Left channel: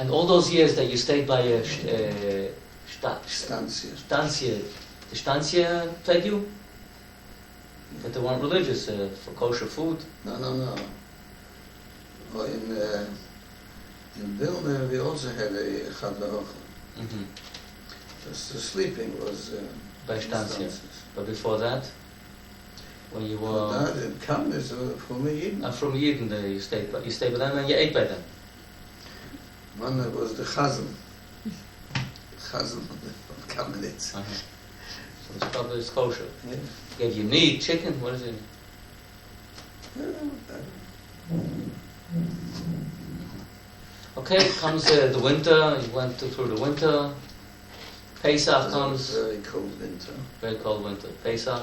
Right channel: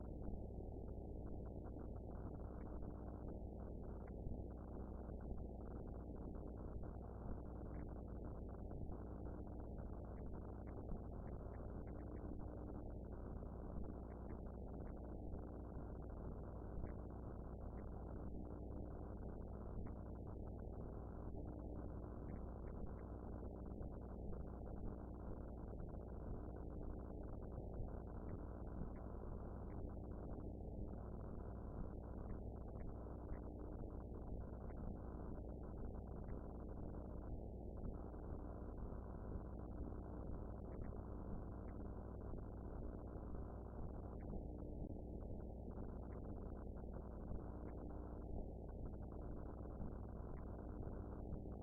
And all those years that you stayed by Stanzia. the Stanzia fed you? But they weren't religious for kosher food? No. Well, in Vilna we also had a Chadla. The sleeping was by Stanzia. But before that, when you were... Before that, in Kamnes, from Yidden. From Yidden, you stayed with them and you ate by them? One was the Chazan. Chazan of Kamenetz. So it's probably kosher. Yeah. Gave you meat, chicken, what is it? Okay, comes the winter, you went through the winter. Pesach comes. Very cold winter. Very cold winter. Pesach.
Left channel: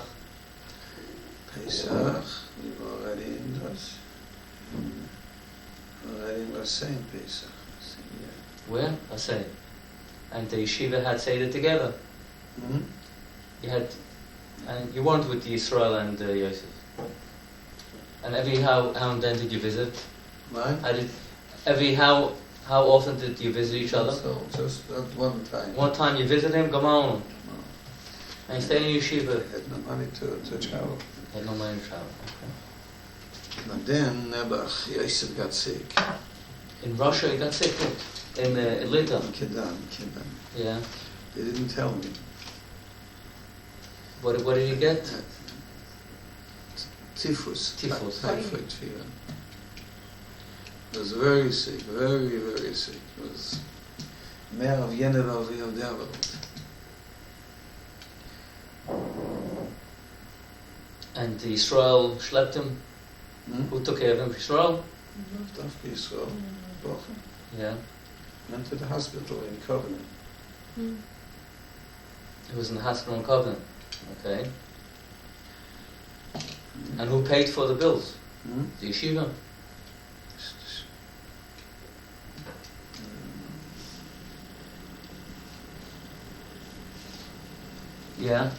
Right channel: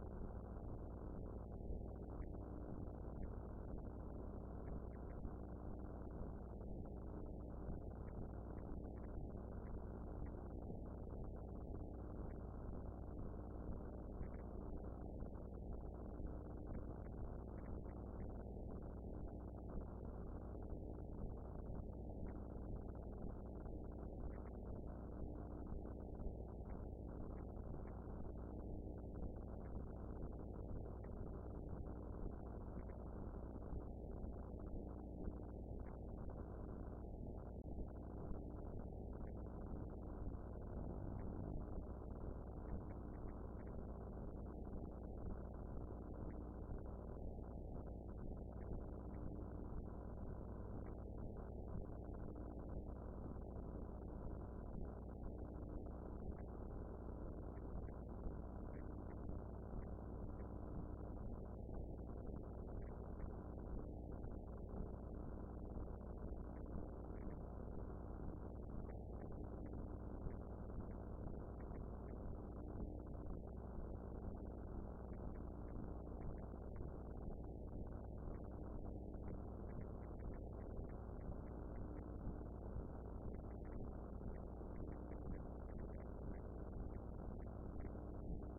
We were already in das. Already in the same Pesach. Where? I say. And the yeshiva had Seder together. Mm-hmm. You had, and you weren't with Israel and Yosef. And how and then did you visit? Right. How often did you visit each other? So just at one time. One time you visited him, come on. No. And you stayed in yeshiva. I had no money to travel. Had no money to travel. And then Nebuch, Yosef got sick. In Russia he got sick, in Linton. Kedan. Yeah. They didn't tell me. What did he get? Typhus. Typhus. Typhoid fever. He was very sick, very, very sick. It was mehr of jener of the Welt. And Israel schlepped him. Who took care of him? Israel? After Israel, Yeah. went to the hospital in Covenant. He was in the hospital in Covenant. Okay. And who paid for the bills? The yeshiva? Yeah.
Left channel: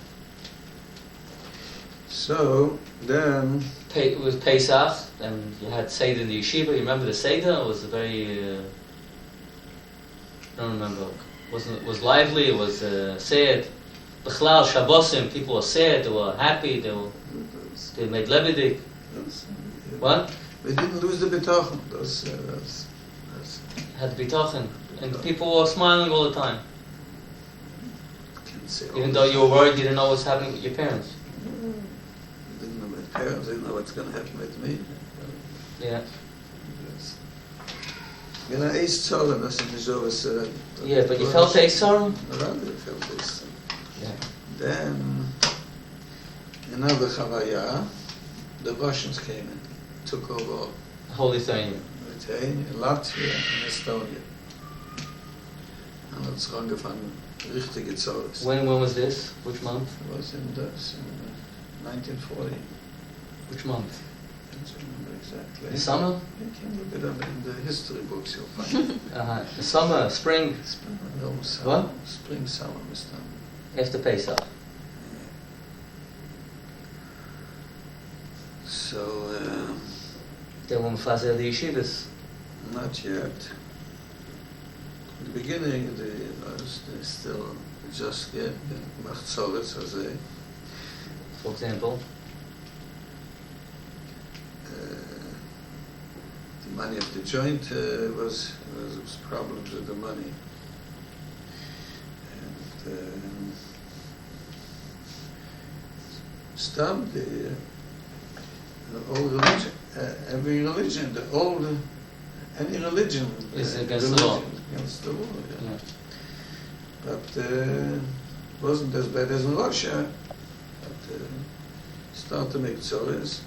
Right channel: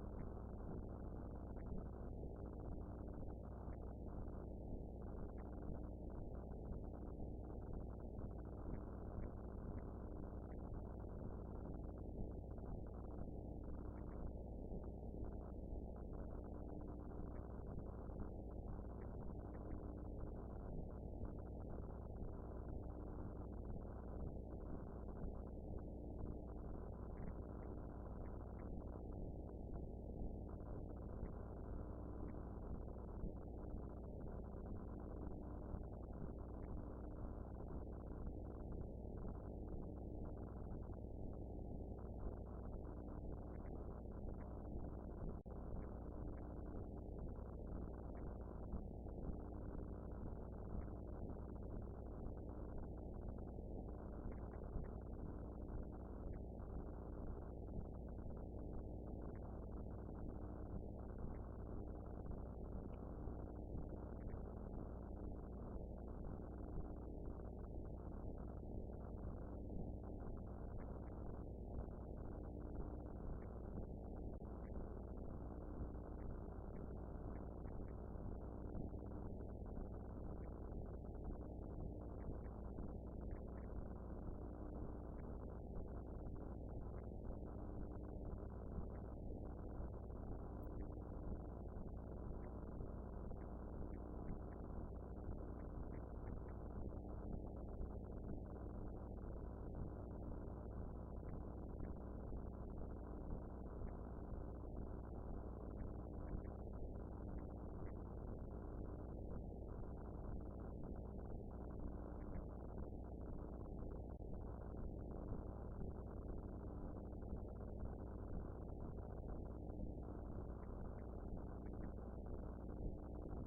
So then It was Pesach, and you had Seder in the yeshiva. You remember the Seder? It was very... I don't remember. It was lively, it was sad. B'chlal, Shabbosim, people were sad, they were happy, they made levidik. What? We didn't lose the bitachon. Had bitachon. And the people were smiling all the time. Even though you were worried, you didn't know what's happening with your parents. I didn't know my parents, I didn't know what's going to happen with me. Yeah. You know, East Tzolin, that's in the Zovas. Yeah, but you felt a sorrow? Around it, I felt this. Yeah. Then, another Chavaya, the Russians came in, took over Holy Lithuania. Latvia and Estonia. And it's angefangen, richtige Zollers. When was this? Which month? It was in 1940. Which month? I don't remember exactly. The summer? You can look it up in the history books, you'll find it. The summer, spring. No, summer. What? Spring, summer, Mr. After Pesach. So, They were mefazer the yeshivas. not yet. In the beginning, they still just get Machzoretz, as they. For example. The money of the joint was problems with the money. And Stam, the old religion, every religion, any religion is against the law. Against the law, yeah. Yeah. But wasn't as bad as in Russia. But started to make tzores.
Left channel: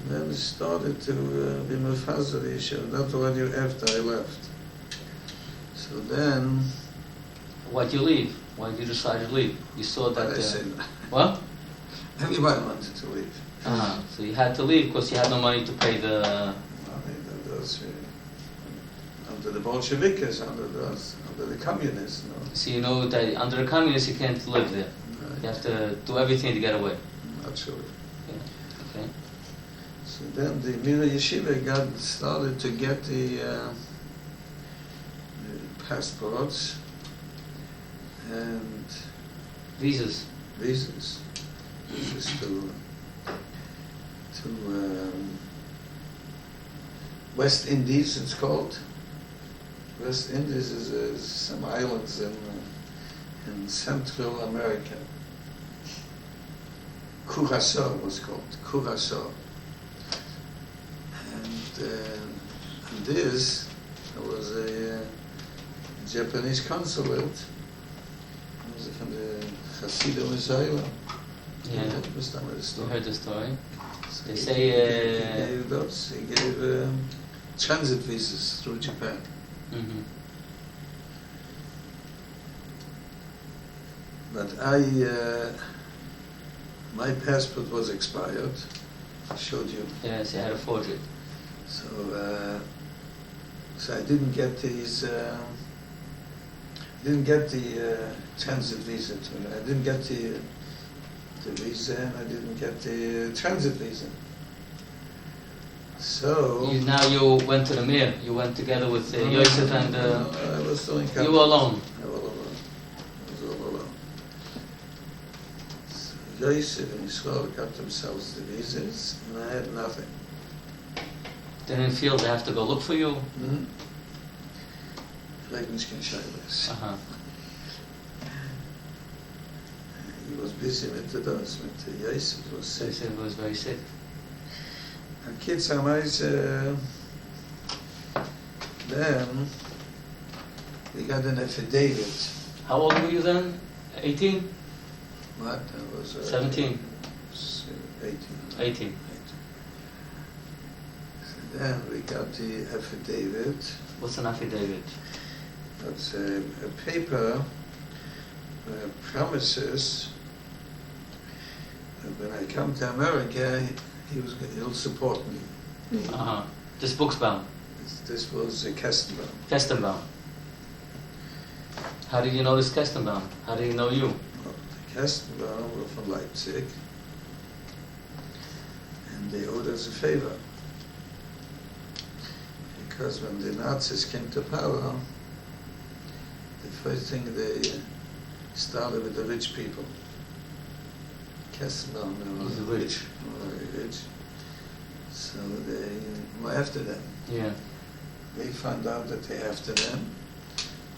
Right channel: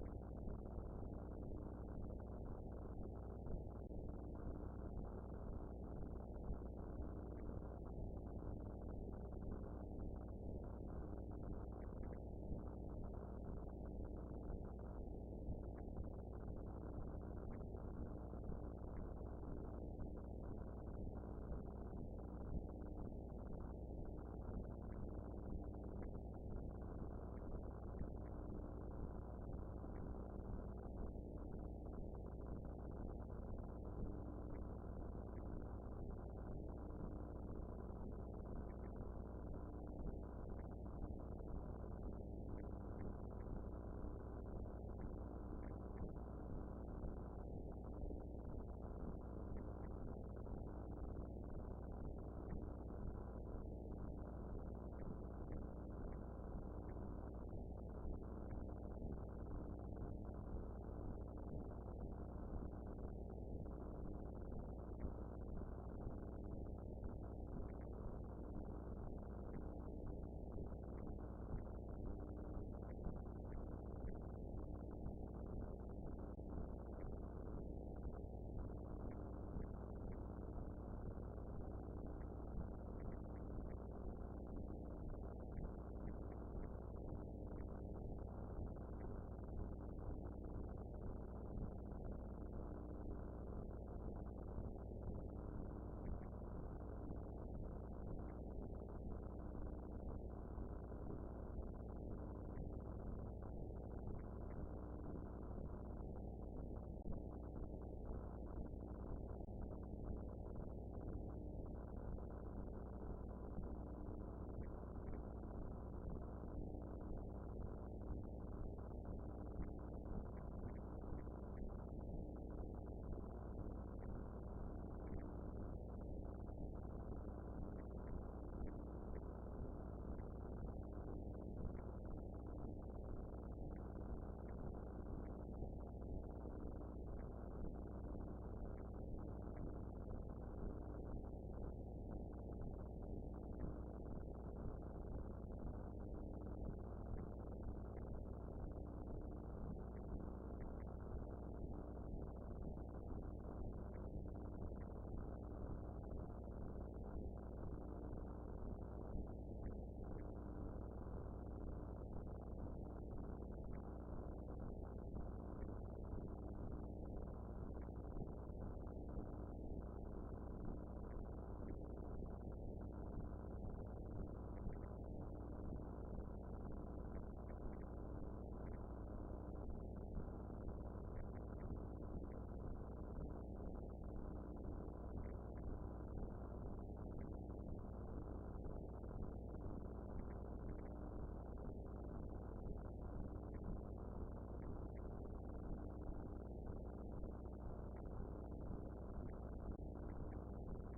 And then it started to be mefazer the yeshiva. That's already after I left. So then... Why'd you leave? Why did you decide to leave? You saw that... I said, what? Everybody wanted to leave. So you had to leave because you had no money to pay the... Those, under the Bolsheviks, under the communists. No? So you know that under the communists you can't live there. Right. You have to do everything to get away. Not sure. Yeah. Okay. So then the Mira Yeshiva started to get the passports and Visas. visas to West Indies. It's called West Indies is some islands in Central America. Curacao was called Curacao, and this was a Japanese consulate. It was from the Hasidim Israel. Yeah. You heard the story. So They he say gave transit visas through Japan. mhm. But my passport was expired. I showed you. Yes, you had to forge it. So, so I didn't get these. Didn't get the transit visa. I didn't get the visa, and I didn't get the transit visa. So Now you went to the mayor. You went together with Yosef and no, I was still in you were alone. I was alone. I was all alone. So Yosef and Israel got themselves the visas, and I had nothing. They didn't feel they have to go look for you. Hmm? Leibniz. Uh-huh. He was busy with those, with Yosef was They sick. said he was very sick. And kids are nice. Then we got an affidavit. How old were you then? 18? What? I was 17? 18. 18. So then we got the affidavit. What's an affidavit? That's a paper promises that when I come to America, he'll support me. Uh-huh. This book's bound. This was a Kestenbaum. Kestenbaum. How did you know this Kestenbaum? How did he know you? The Kestenbaum were from Leipzig, and they owed us a favor. Because when the Nazis came to power, the first thing they started with the rich people. Kestenbaum were Rich. very rich. So they were after them. Yeah. They found out that they're after them,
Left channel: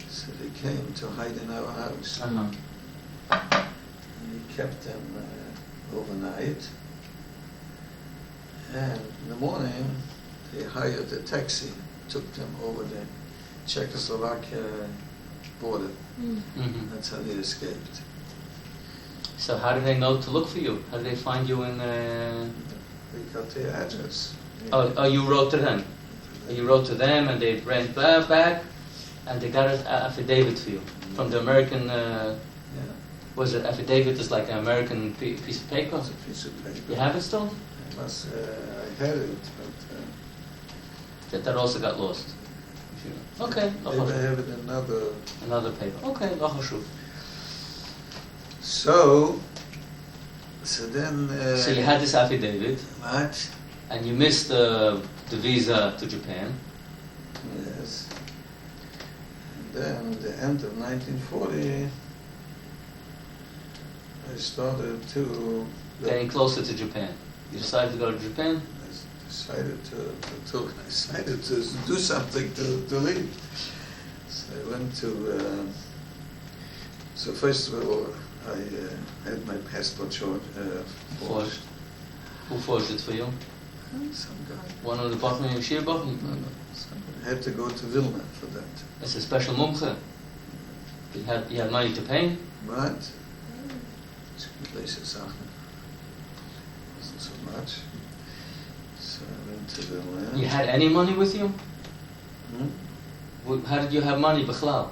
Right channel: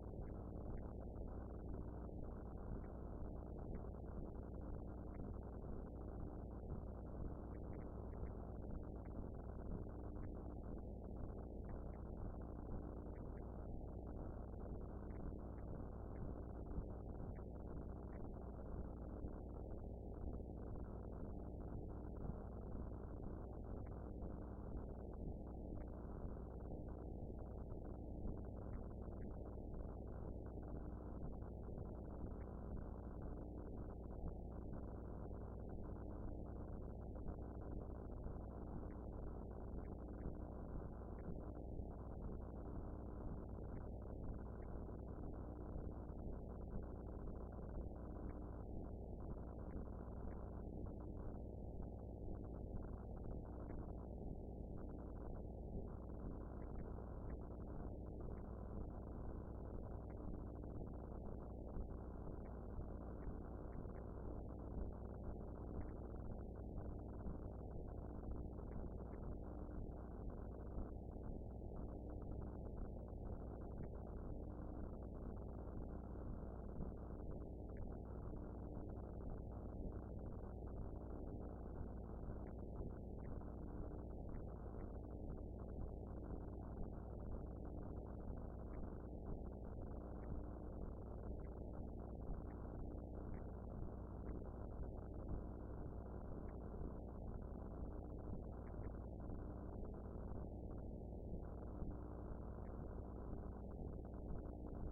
so they came to hide in our house. Uh-huh. And we kept them overnight. And in the morning, they hired a taxi, took them over the Czechoslovakia border. Mm-hmm. That's how they escaped. So how did they know to look for you? How did they find you in... We got their address. Oh, you wrote to them? You wrote to them and they ran back and they got an affidavit for you from the American... Yeah, Was it affidavit? Is like an American piece of paper? it's a piece of paper. You have it still? I had it, but That also got lost. Okay. they may have it in Another paper. Okay. לא חשוב. So then... So you had this affidavit What? and you missed the visa to Japan. Yes. And then at the end of 1940, I started to... Getting closer to Japan. You decided to go to Japan? I decided to do something to leave. So I went to... so first of all, I had my passport forged. Who forged it for you? Some guy. One of the Bachman and Shir Bachman? I had to go to Vilna for that. It's a special mumche. You had money to pay? But places Sachen wasn't so much. So I went to Vilna. You had any money with you? Hmm? How did you have money, Bechlal?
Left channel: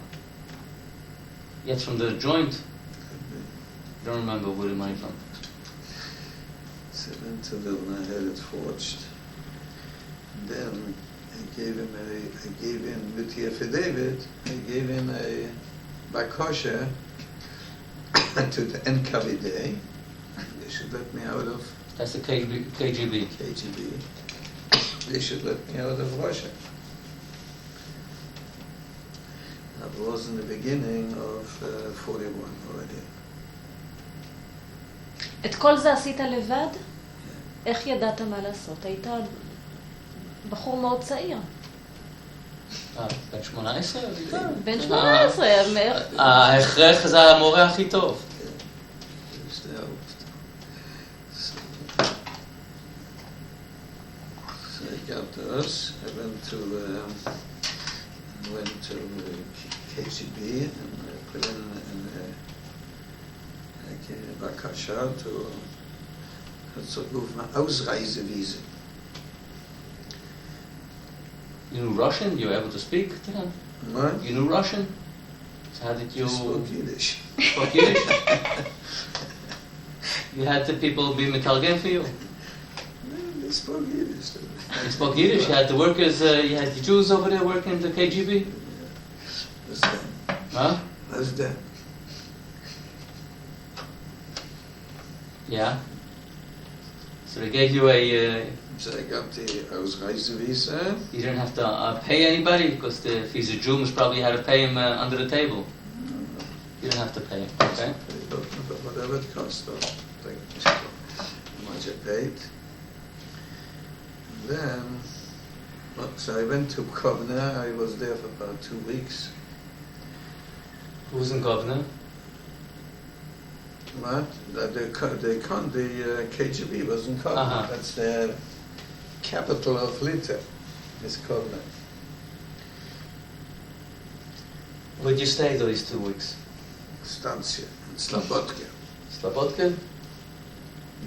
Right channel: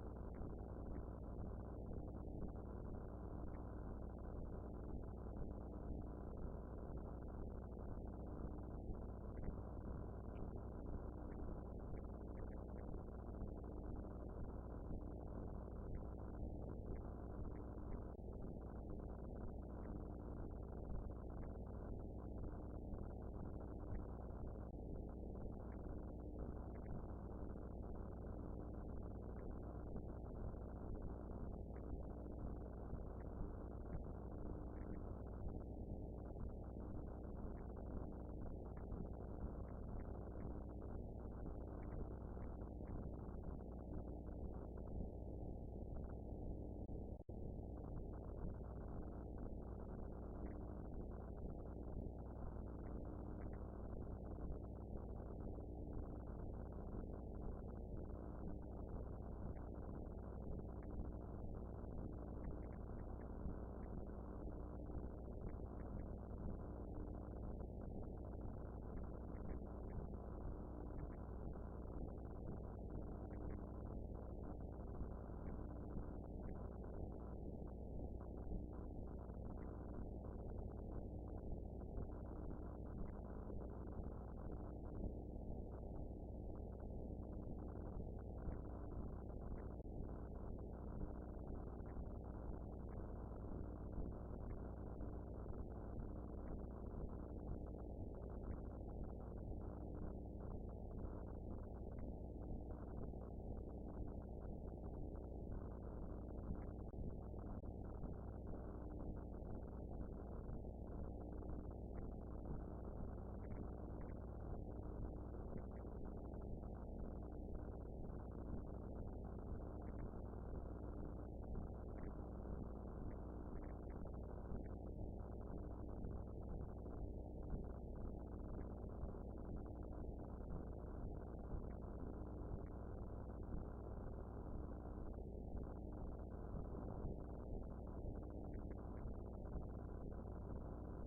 Yet from the joint? I don't remember where the money from. So I went to Vilna, I had it forged. And then I gave in with the affidavit, I gave in a bakosha to the NKVD. They should let me out of That's the KGB. KGB. They should let me out of Russia. Now was in the beginning of 41 already. את כל זה עשית לבד? איך ידעת מה לעשות? היית בחור מאוד צעיר. בן 18? בן 18. ההכרח זה המורה הכי טוב. So I got this. I went to KGB and put in Bakasha to rufen Ausreisevisa. You knew Russian? You were able to speak to them? What? You knew Russian? So how did you... I spoke Yiddish. Spoke Yiddish? You had the people be metalgen for you? They spoke Yiddish. You spoke Yiddish? You had the workers, you had the Jews over there working in the KGB? That's that. Huh? That's that. Yeah. So they gave you a... So I got the Ausreisevisa. You didn't have to pay anybody because if he's a Jew, most probably you had to pay him under the table. You didn't have to pay him, okay? Whatever it cost, how much I paid. Then, so I went to Kovna. I was there for about 2 weeks. Who was in Governor? What? The KGB was in Kovna. Uh-huh. That's the capital of Lithuania, is Kovna. Where'd you stay those 2 weeks? Stancia, in Slobodka. Slobodka?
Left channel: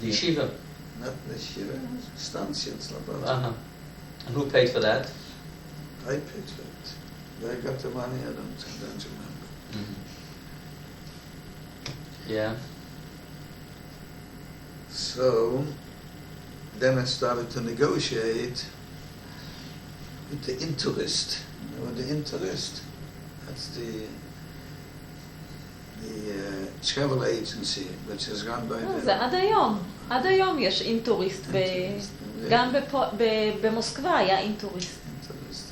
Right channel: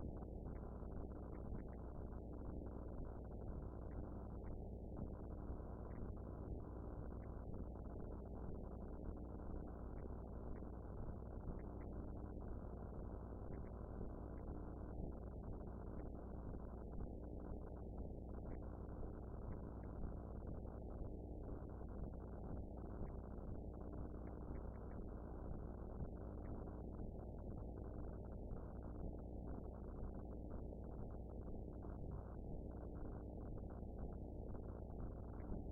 The yeshiva? Not the Shiva, Stancia in Slobodka. Uh-huh. And who paid for that? I paid for it. Where I got the money, I don't remember. Mm-hmm. Yeah. So, then I started to negotiate with the interest. You know, the interest, that's the travel agency, which is run by the... זה עד היום. עד היום יש אינטוריסט. גם במוסקבה היה אינטוריסט.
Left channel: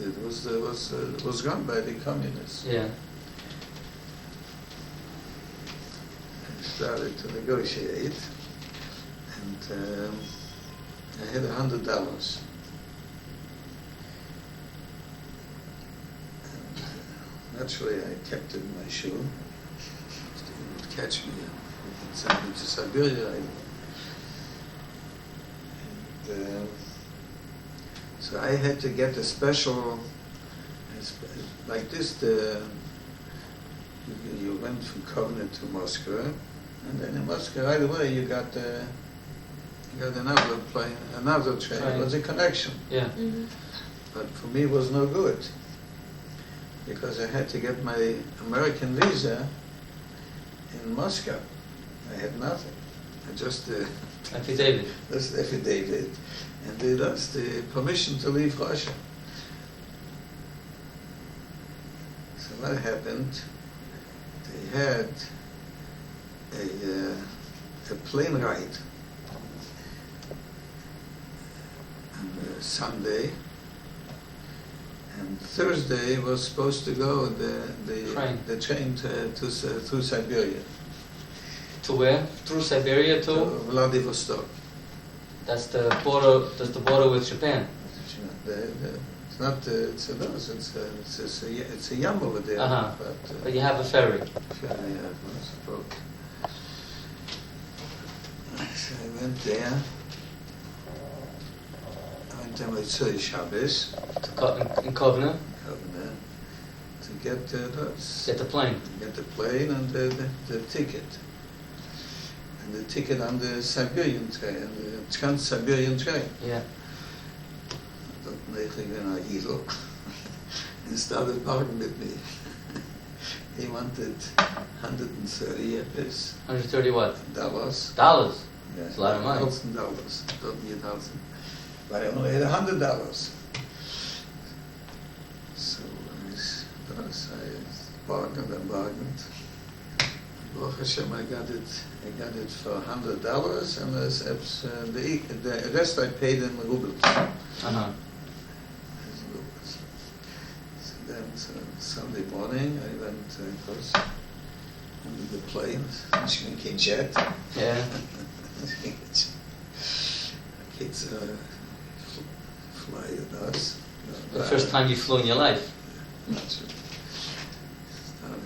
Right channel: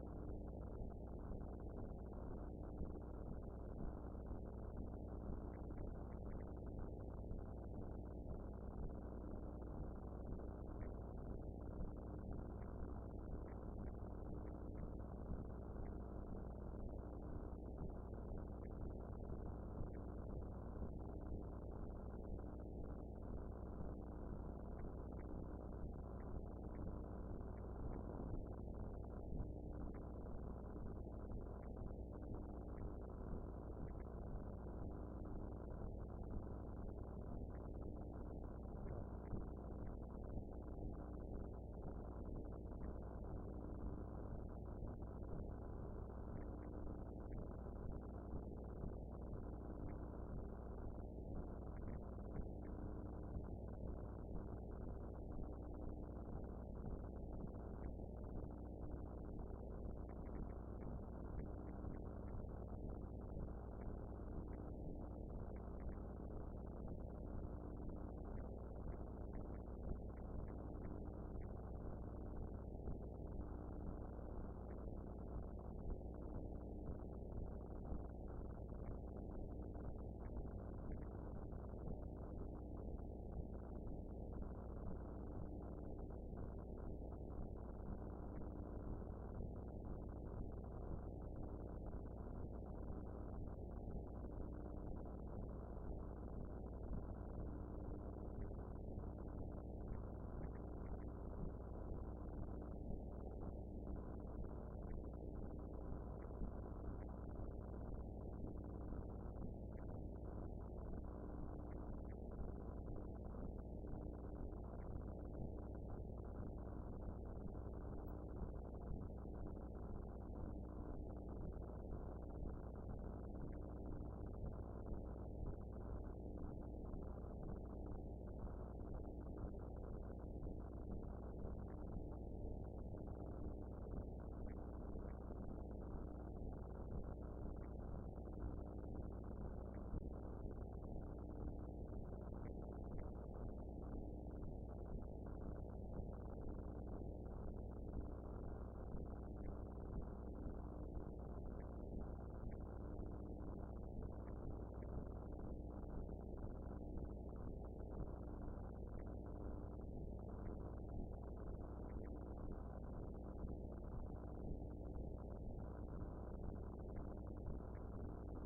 It was run by the communists. Yeah. I started to negotiate, and I had $100. Naturally, I kept it in my shoe. They would catch me and send me to Siberia. So I had to get a special, like this, you went from Kovna to Moscow, and then in Moscow right away you got another plane, another train. It was a connection. Yeah. Mm-hmm. But for me it was no good, because I had to get my American visa in Moscow. I had nothing. I just Affidavit. that's the affidavit, and that's the permission to leave Russia. So what happened? They had a plane ride on Sunday, and Thursday was supposed to go the train to Siberia. To where? Through Siberia To to? Vladivostok. That's the border. That's the border with Japan. It's not. It's a yam over there. Uh-huh. But But you have a ferry. I suppose. So I went there. I went there with Shabbos In Kovna. to get Get the plane. the plane and the ticket. And the ticket on the Siberian train, the Trans-Siberian train. Yeah. Dat negen naar Idel. He started bargaining with me. He wanted 130 years. 130 what? Dollars. Dollars. Yeah, It's a lot of money. $1,000. Don't need $1,000. But I only had $100. So I bargained and bargained. Baruch Hashem, I got it for $100, and the rest I paid in rubles. Uh-huh. So then Sunday morning. I went, of course, on the plane, Shinki jet. Yeah. Kids fly with us. The first time you flew in your life. Started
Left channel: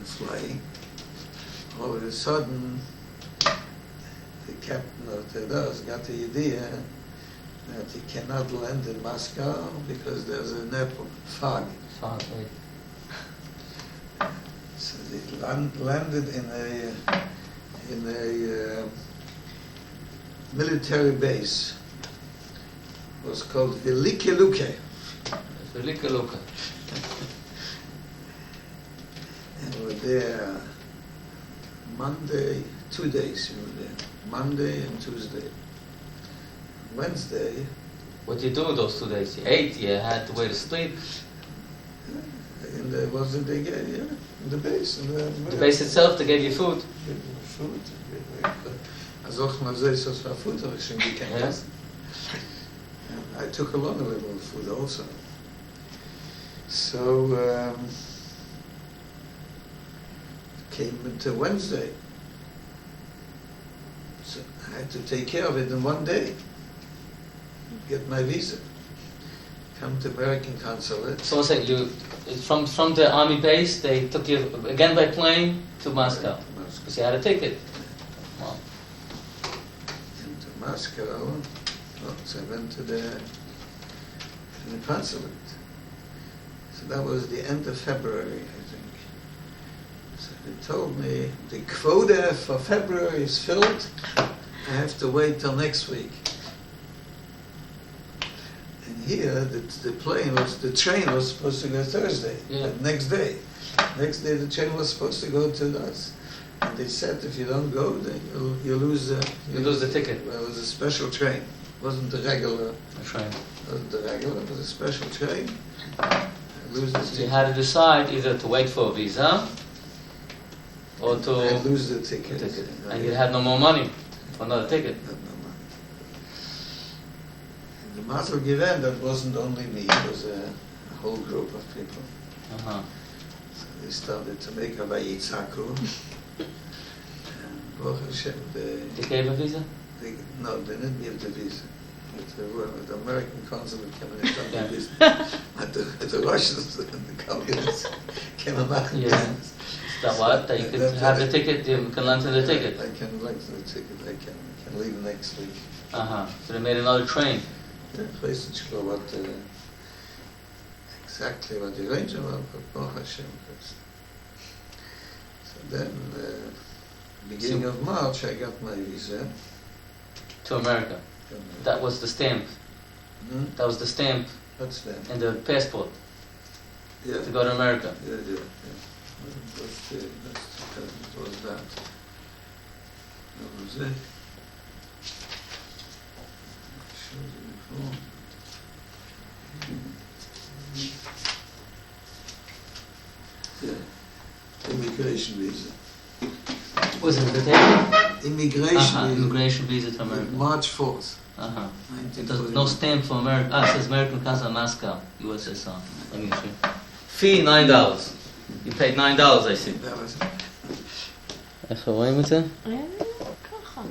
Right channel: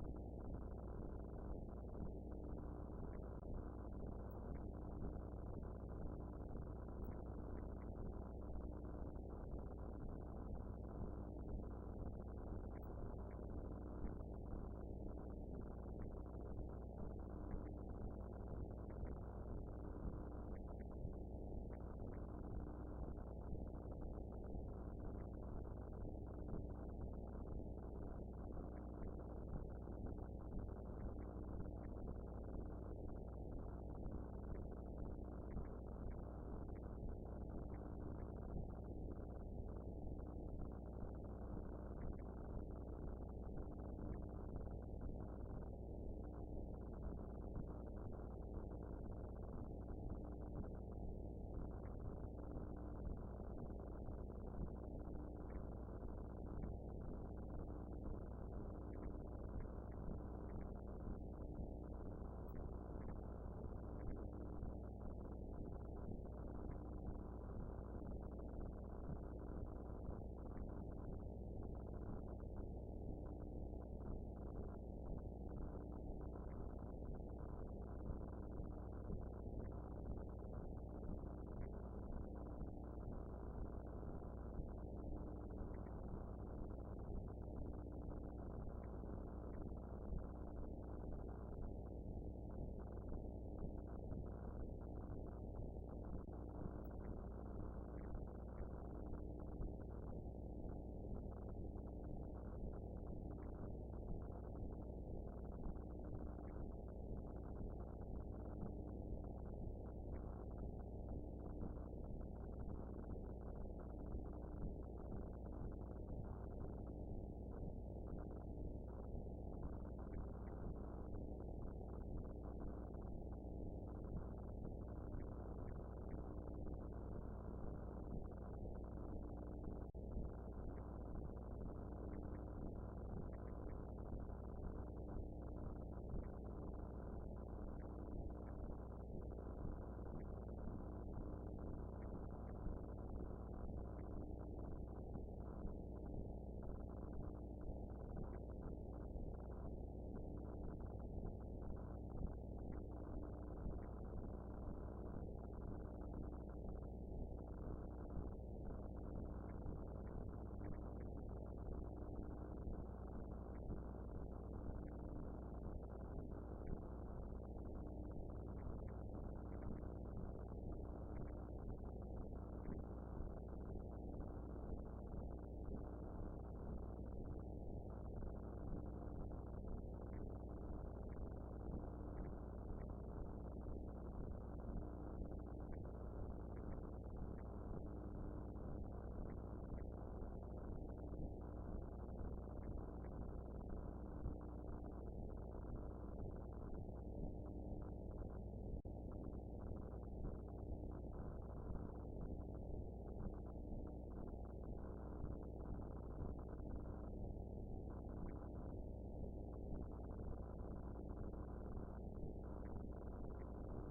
flying. All of a sudden, the captain of the DOS got the idea that he cannot land in Moscow because there's a fog. Fog, right. So they landed in a military base. It was called Velike Luke. Velike Luke. And we were there Monday, 2 days we were there. Monday and Tuesday. Wednesday. What did you do those 2 days? You ate, you had to wait to sleep. In the, wasn't they gave, yeah, in the base. The base itself, they gave you food. Food. Also mal so ist das für Food, habe ich schon gekannt. Yes. I took along a little food also. So came into Wednesday. So I had to take care of it in 1 day. Get my visa. Come to American consulate. So say you from the army base, they took you again by plane to Moscow because you had a ticket. Wow. Into Moscow. So I went to the consulate. So that was the end of February, I think. So they told me the quota for February is filled. I have to wait till next week. And here, the train was supposed to go Thursday, the next day. Next day, the train was supposed to go to us. And they said, if you don't go, then you lose the ticket. Well, it was a special train. It wasn't the regular train. It wasn't the regular, it was a special train. Lose the So ticket. you had to decide either to wait for a visa or to lose the ticket. And you had no more money for another ticket. And the Mazel Given, that wasn't only me, it was a whole group of people. Uh-huh. So they started to make a Vayitzaku. And Baruch Hashem, They gave a visa? No, they didn't give the visa. The American consulate came and took the visa. At the Russians and the communists came and knocked the business. That what? That you could have the ticket, you can lend to the ticket? I can lend to the ticket, I can leave next week. Uh-huh. So they made another train. Yeah, I weiß nicht what exactly what the arrangement was, but Baruch Hashem. So then, beginning of March, I got my visa. To America. That was the stamp. Hmm? That was the stamp. What's that? In the passport. Yeah. To go to America. Yeah. What was that? What was it? Yeah. Immigration visa. Was it the table? Immigration visa. Immigration visa to America. March 4th. Uh-huh. There's no stamp for America. It says American Casa Moscow, USSR. Let me see. Fee $9. You paid $9, I see. That was איך רואים את זה? ככה.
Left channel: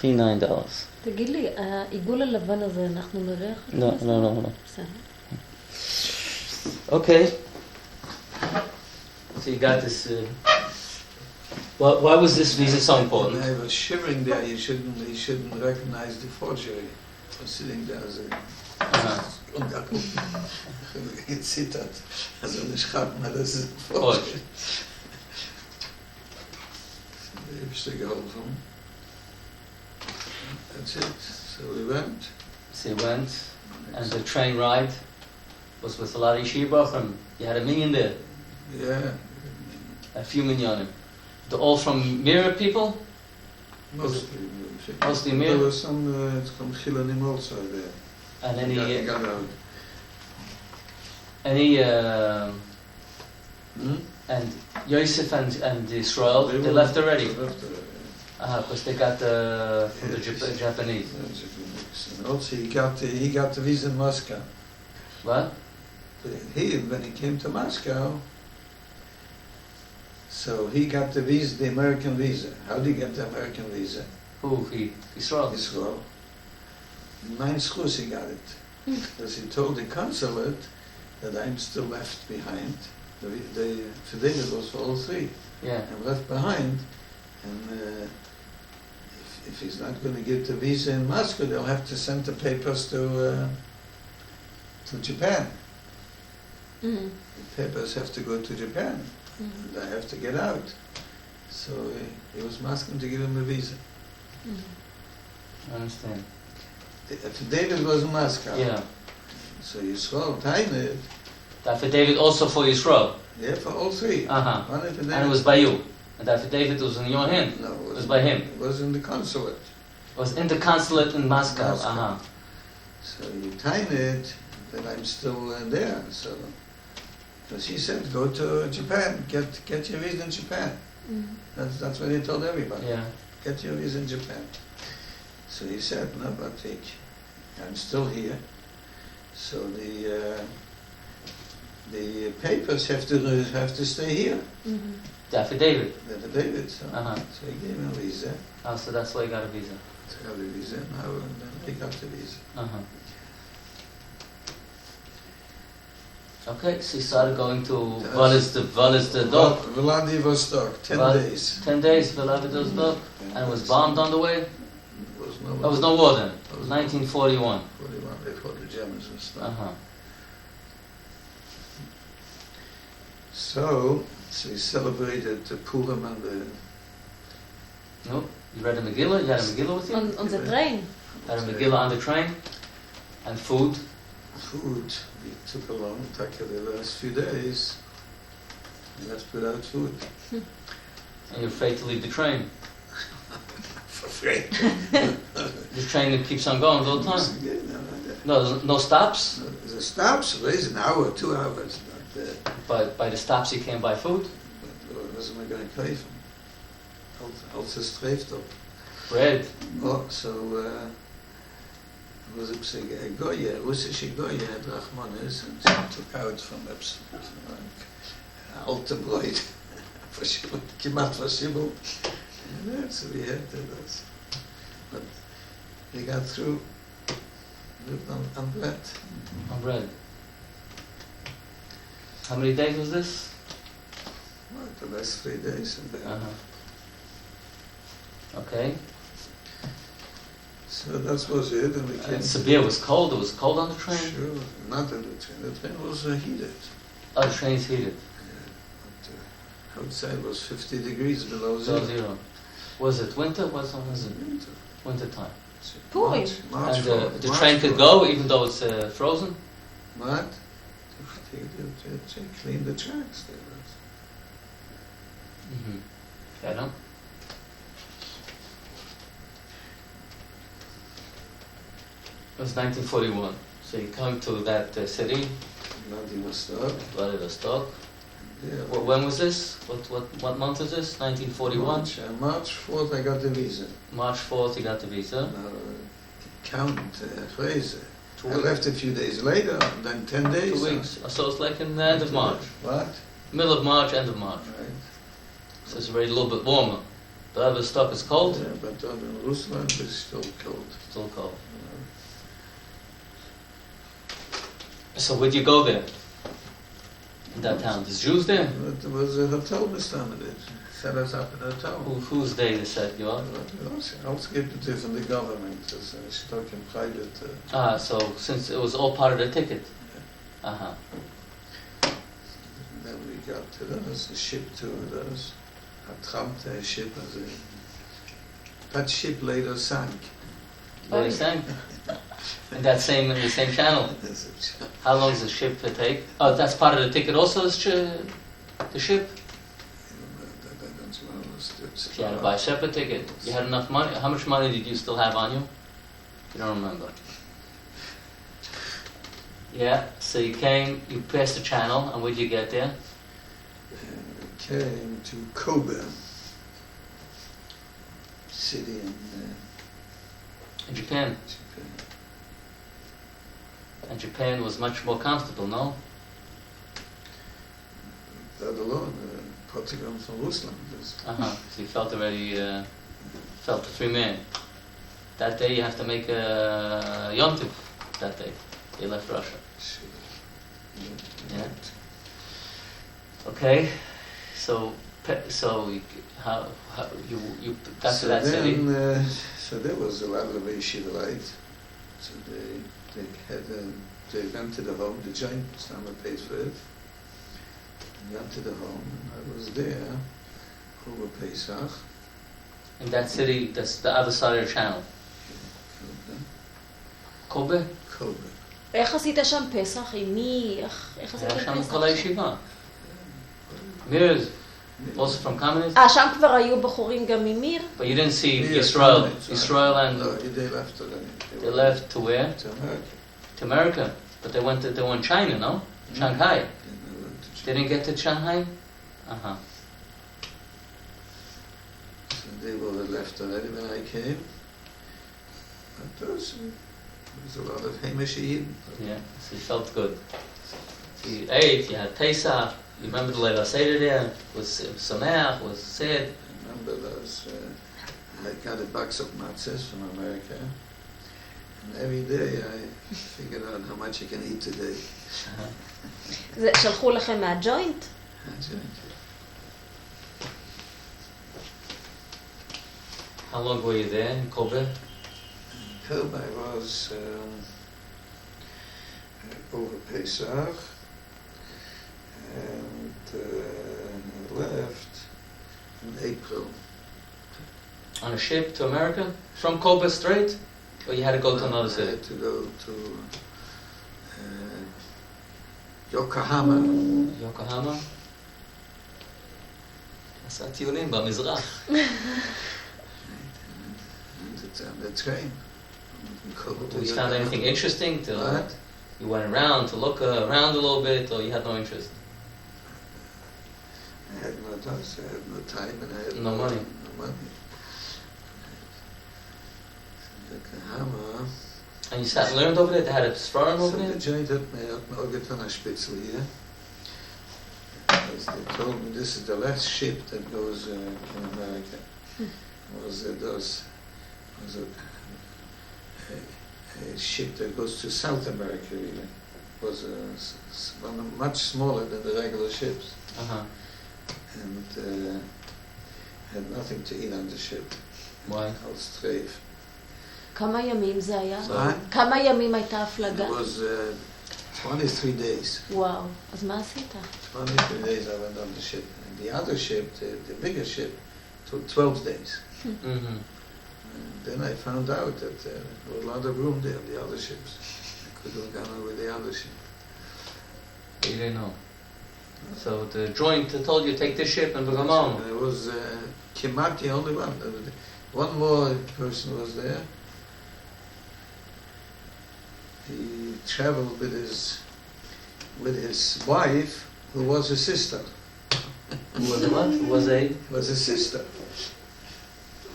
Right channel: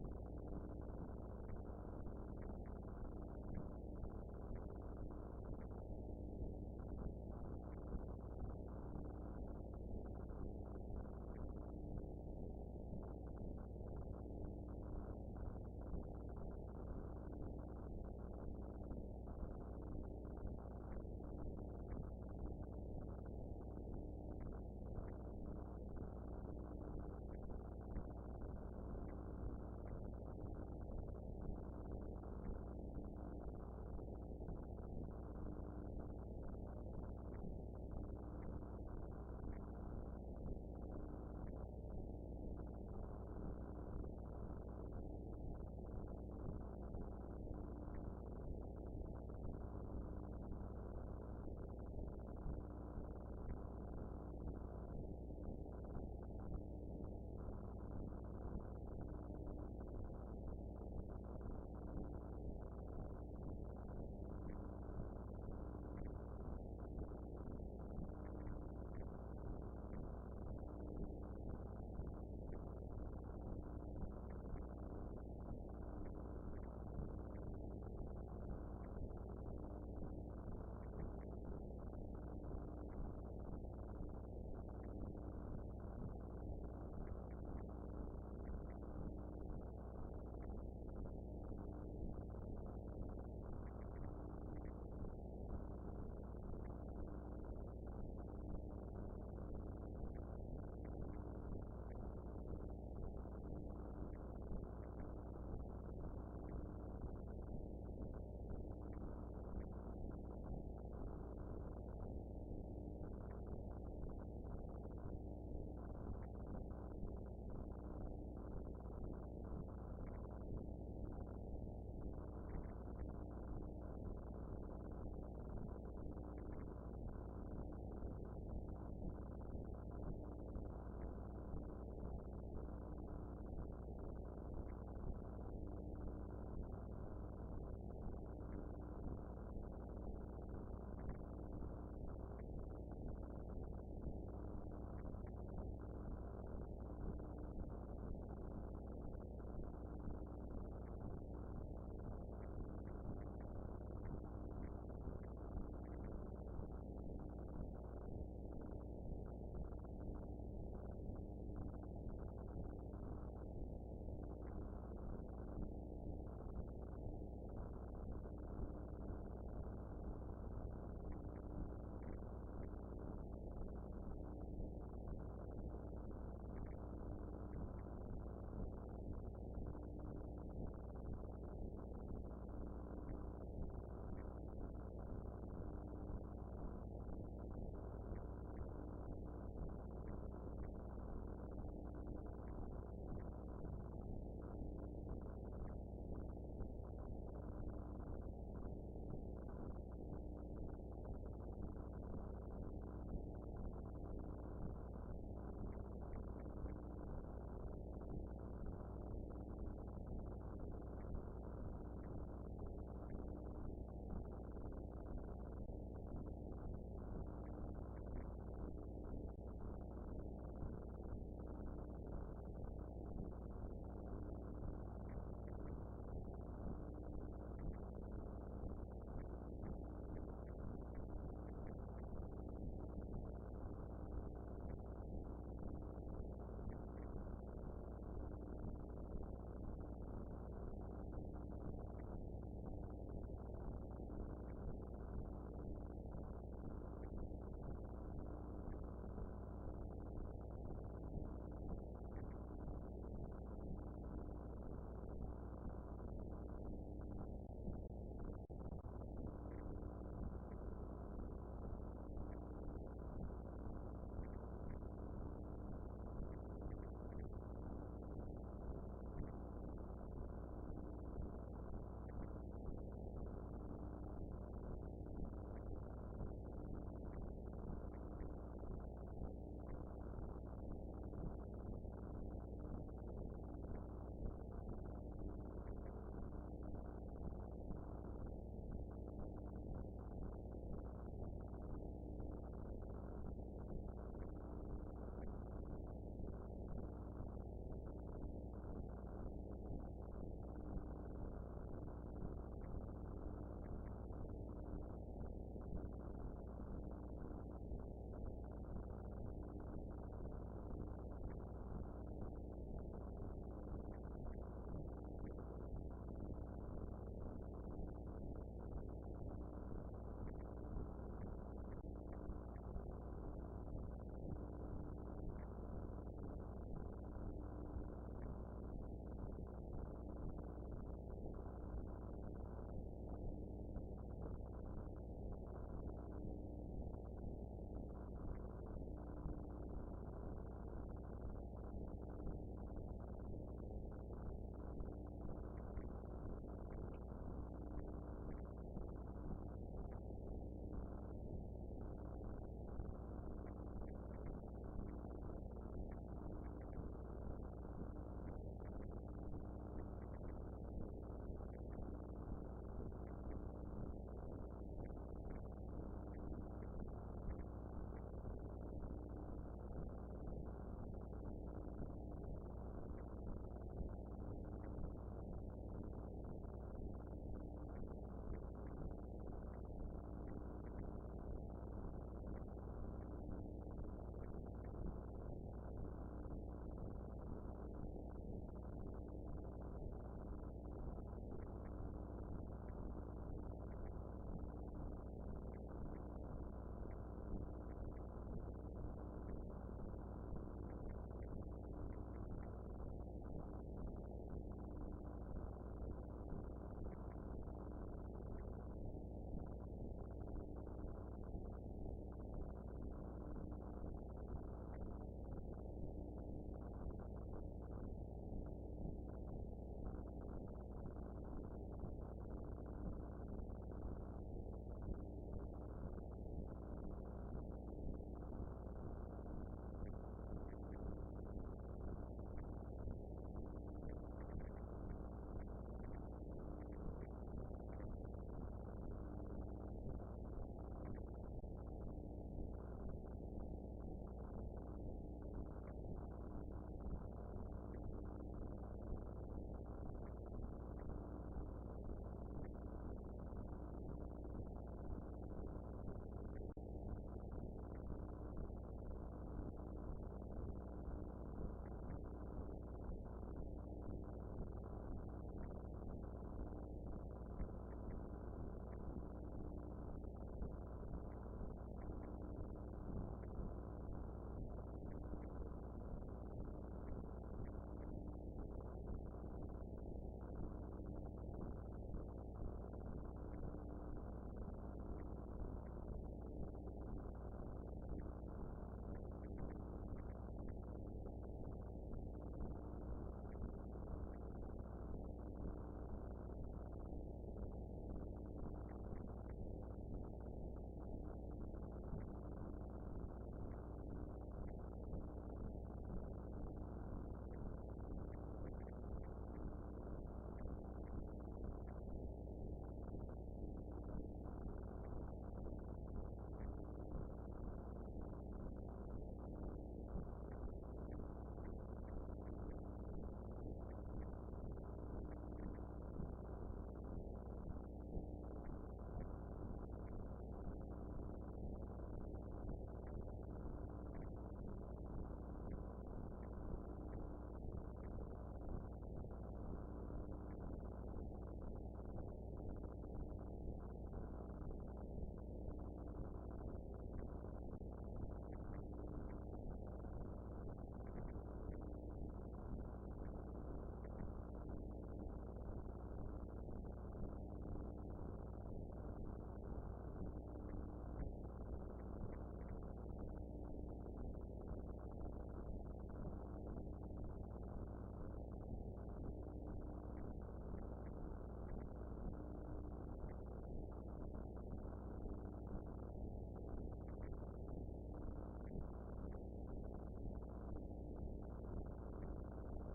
Fee $9. תגיד לי, העיגול הלבן הזה, אנחנו נראה איך... לא. בסדר. Okay. So you got this... why was this visa so important? When I was shivering there, you shouldn't recognize the forgery. I was sitting there as a... Gezittert. Also nicht gehabt, maar das ist forgery. Heb je geholfen? That's it. So we went. So you went, and the train ride was with a lot of yeshiva from... You had $1 million there. Yeah. A few minyanim. They're all from Mira people? Mostly Mira? There was some Chilanim also there. And got out. And Yosef and Israel, they left already? They left already. Because they got from the Japanese. And also he got the visa in Moscow. What? when he came to Moscow, so he got the visa, the American visa. How did he get the American visa? Who? Israel. Israel. Nine schus he got it. Because he told the consulate that I'm still left behind. The fidelity was for all three. Yeah. I'm left behind, and if he's not going to get the visa in Moscow, they'll have to send the papers to Japan. Mm-hmm. The papers have to go to Japan. Mm-hmm. And I have to get out. So he was asking to give him a visa. I understand. David was in Moscow. Yeah. So Yisrael Tainid, The affidavit also for Yisrael. yeah, for all three. Uh-huh. One affidavit. And it was by you. And the affidavit was in your hand. No, It was by him. It was in the consulate. It was in the consulate in Moscow. Moscow. Uh-huh. So you Tainid that I'm still there. So he said, go to Japan, get your visa in Japan. Mm-hmm. That's what he told everybody. Yeah. Get your visa in Japan. So he said, no, but I'm still here. So the papers have to stay here. Mm-hmm. The affidavit. The affidavit. So, Uh-huh. so he gave him a visa. Oh, so that's why you got a visa. To have a visa now, and then they got the visa. Uh-huh. Okay, so you started going to Vladivostok. Vladivostok, 10 days. 10 days, Vladivostok, and it was bombed on the way. There was no war then. It was 1941. 41 before the Germans and stuff. Uh-huh. So he celebrated the Purim and the... No, you read a Megillah? You had a Megillah with you? On the train. Had a Megillah on the train? And food? Food. We took along, the last few days. We left without food. And you're afraid to leave the train. Afraid. The train that keeps on going all the time. No, no stops? The stops, there is an hour, 2 hours. But By the stops you can't buy food? was am I going to pay for? Als het streeft op. Bread. Oh, so was ik zeggen, Goya, Russische Goya, het Rachmanis, and she took out from alte brood, kiemat versibbeld. And that's we had that. But we got through, lived on bread. On bread. How many days was this? The last 3 days. Uh-huh. Okay. So that was it, and we came. And Sibir was cold. It was cold on the train? Sure, not in the train. The train was heated. Oh, the train's heated. But, outside was 50 degrees below Below zero. zero. Was it winter? Was it winter time? Purim. March And four- the March train could four. go even though it's frozen? What? They cleaned the tracks there. Mm-hmm. Yeah, no? It was 1941. So you come to that city, Vladivostok. Vladivostok. Yeah. When was this? What month is this? 1941? March 4th I got the visa. March 4th you got the visa. Now, count phrase. 2 I weeks. left a few days later, then 10 days. 2 weeks. So it's like in the end of March. What? Middle of March, end of March. Right. So it's already a little bit warmer. Vladivostok is cold? Yeah, but in Rusland it's still cold. Still cold. So where'd you go there? In that town? There's Jews there? There was a hotel Mr. Set us up in a hotel. Whose day they set you up? Ausgegeben from the government. Das ist doch in private. So since it was all part of the ticket. Uh-huh. Then we got to a ship to those. A tramp ship. That ship later sank. They sang? In the same channel. How long does the ship take? Oh, that's part of the ticket also, the ship? You had to buy a separate ticket. You had enough money. How much money did you still have on you? You don't remember. Yeah, so you passed the channel, and where'd you get there? Came to Kobe city In Japan. Japan. And Japan was much more comfortable, no? that alone, Portugal from Rusland. So you felt already, felt a free man. That day you have to make a yontif. That day you left Russia. Yeah. Okay. So how you got to that city? So there was a lot of yeshiva light. So they went to the home. The joint Stammer paid for it. Went to the home. I was there over Pesach. In that city, that's the other side of the channel. קובה? קובה. איך עשית שם פסח? עם מי? איך עשית היה שם פסח? כל הישיבה. Mir also from Kamenetz? שם כבר היו בחורים גם ממיר? But you didn't see Yeah, Israel. Kamenetz, Israel and No, they left already. they left to where? To America. To America. But they went in China, no? Shanghai. And they went to They didn't get to Shanghai? Uh-huh. So they were left already when I came. But there was a lot of Hamish Eden. Yeah, so you felt good. So you ate, you had Pesach, you remember the Leila Seder there, was Sameach, was sad. I remember those, I got a box of matzahs from America. And every day I figured out how much I can eat today. שלחו לכם מהג'וינט? How long were you there in Kobe? Kobe was over Pesach and left in April. On a ship to America? From Kobe straight? Or you had to go to another I city? had to go to Yokohama. Yokohama? עשה טיולים במזרח. And it's on the train. Did you find anything interesting? What? You went around to look around a little bit, or you had no interest? I had no time, I had no time, and I had No money. No money. Yokohama. And you sat and learned over there? They had a restaurant So over the there? joint had me Orgeton a Spitzel here. Because they told me this is the last ship that goes in America. Was a ship that goes to South America, really. It was much smaller than the regular ships. Uh-huh. And had nothing to eat on the ship. Why? Called strafe. כמה ימים זה היה? מה? כמה ימים הייתה הפלגה? It was 23 days. וואו, אז מה עשית? 23 days I went on the ship. And the other ship, the bigger ship, took 12 days. Mm-hmm. And then I found out that there was a lot of room there, the other ships. I could have gone on with the other ship. You didn't know. So the joint told you take this ship and we're going on. There was Kimat, the only one. One more person was there. He traveled with his wife, who was a sister. Who was what? Who was a? Was a sister.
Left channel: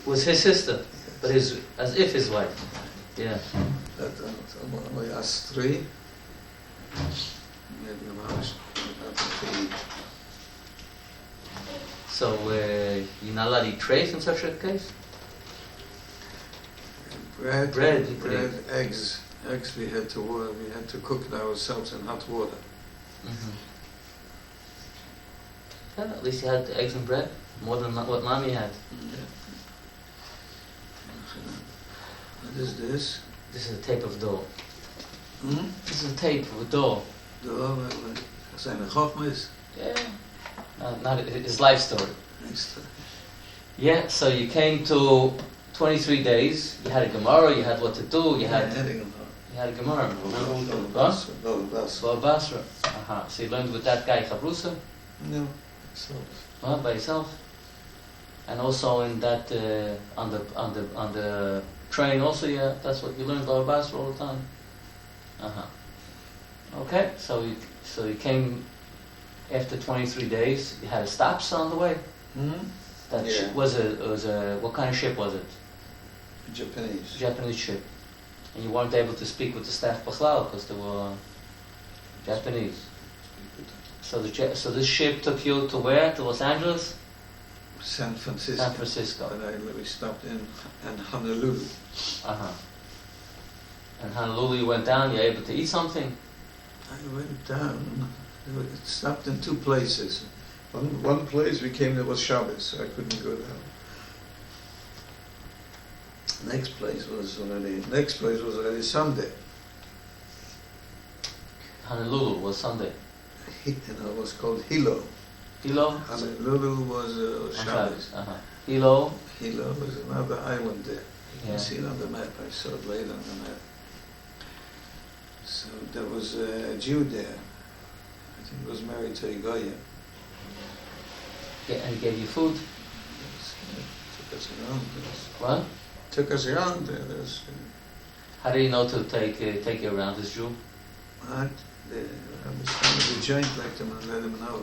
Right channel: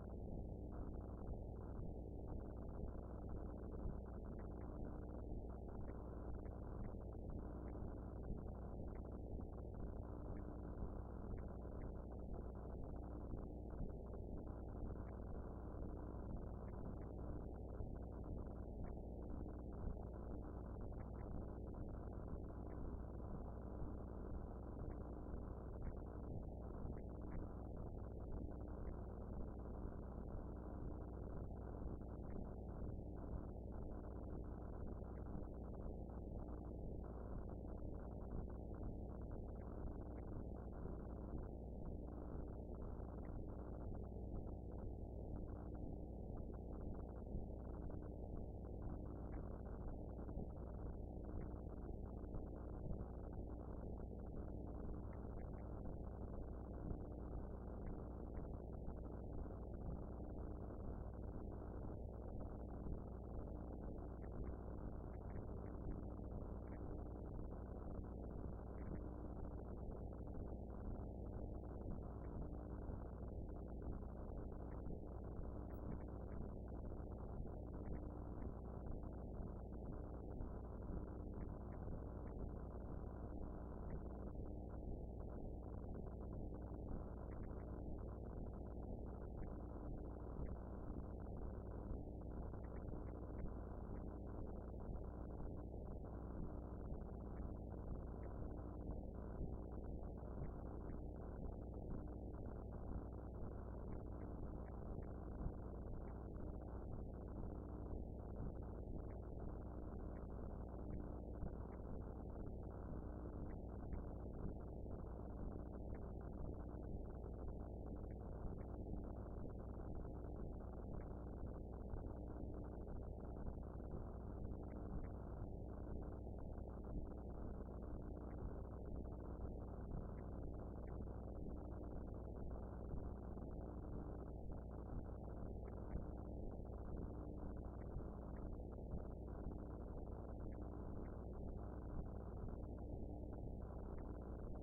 Was his sister, but as if his wife. Yeah. That only us three. So you're not allowed to eat trays in such a case? Bread, you could eat. eggs. Eggs we had to cook it ourselves in hot water. Mm-hmm. Yeah, at least you had eggs and bread, more than what Mommy had. What is this? This is a tape of dough. Hmm? This is a tape of dough. Zijn Chachmas? Yeah. Not his life story. Yeah, so you came to 23 days, you had a Gemara, you had what to do, you had a Gemara. What? Baba Basra. So you learned with that guy Chabrusa? No. By yourself? And also in that on the train also, yeah, that's what you learned Baba Basra all the time. Okay, so you came after 23 days. You had stops on the way. Hmm? That Yeah. was a what kind of ship was it? Japanese. Japanese ship. And you weren't able to speak with the staff Bachlal because they were Japanese. So So this ship took you to where? To Los Angeles? San Francisco. San Francisco. And we stopped in Honolulu. Uh-huh. And Honolulu, you went down, you were able to eat something? I went down. We stopped in two places. One place we came there was Shabbos, so I couldn't go down. Next place was already Sunday. Honolulu was Sunday. It was called Hilo. Hilo? Honolulu was Shabbos. Uh-huh. Hilo? Hilo was another island there. You Yeah. can see it on the map. I saw it later on the map. So there was a Jew there. I think he was married to a Goya. Yeah, and he gave you food? Took us around. What? Took us around there. How do you know to take you around this Jew? I was trying to joint like them and let him know.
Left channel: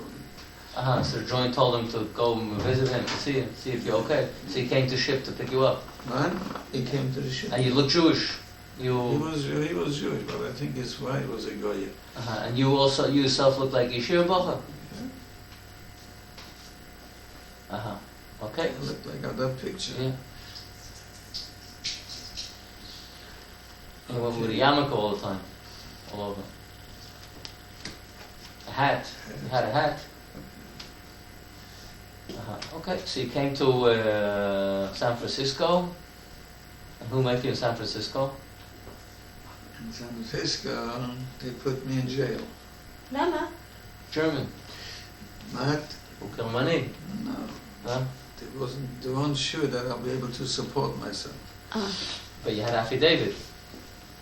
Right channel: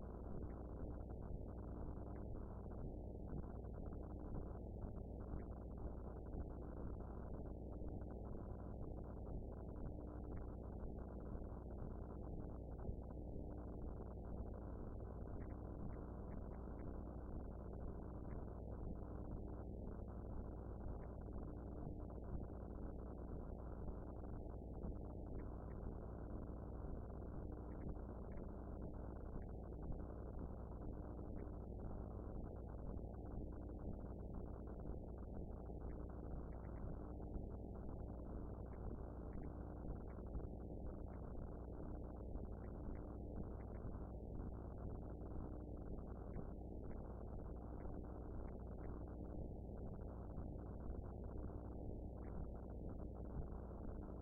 Uh-huh, so the joint told him to go and visit him to see if you're okay. So he came to ship to pick you up. Man, he came to the ship. And you look Jewish. He was Jewish, but I think his wife was a Goya. Uh-huh. And you yourself look like Yeshua Bacha? Uh-huh. Okay. I looked like on that picture. Yeah. And you went with a yarmulke all the time, all over. A hat. You had a hat. Uh-huh. Okay, so you came to San Francisco. And who met you in San Francisco? In San Francisco, they put me in jail. למה? German. Not, Ukelmani. no. Huh? They weren't sure that I'll be able to support myself. But you had affidavit.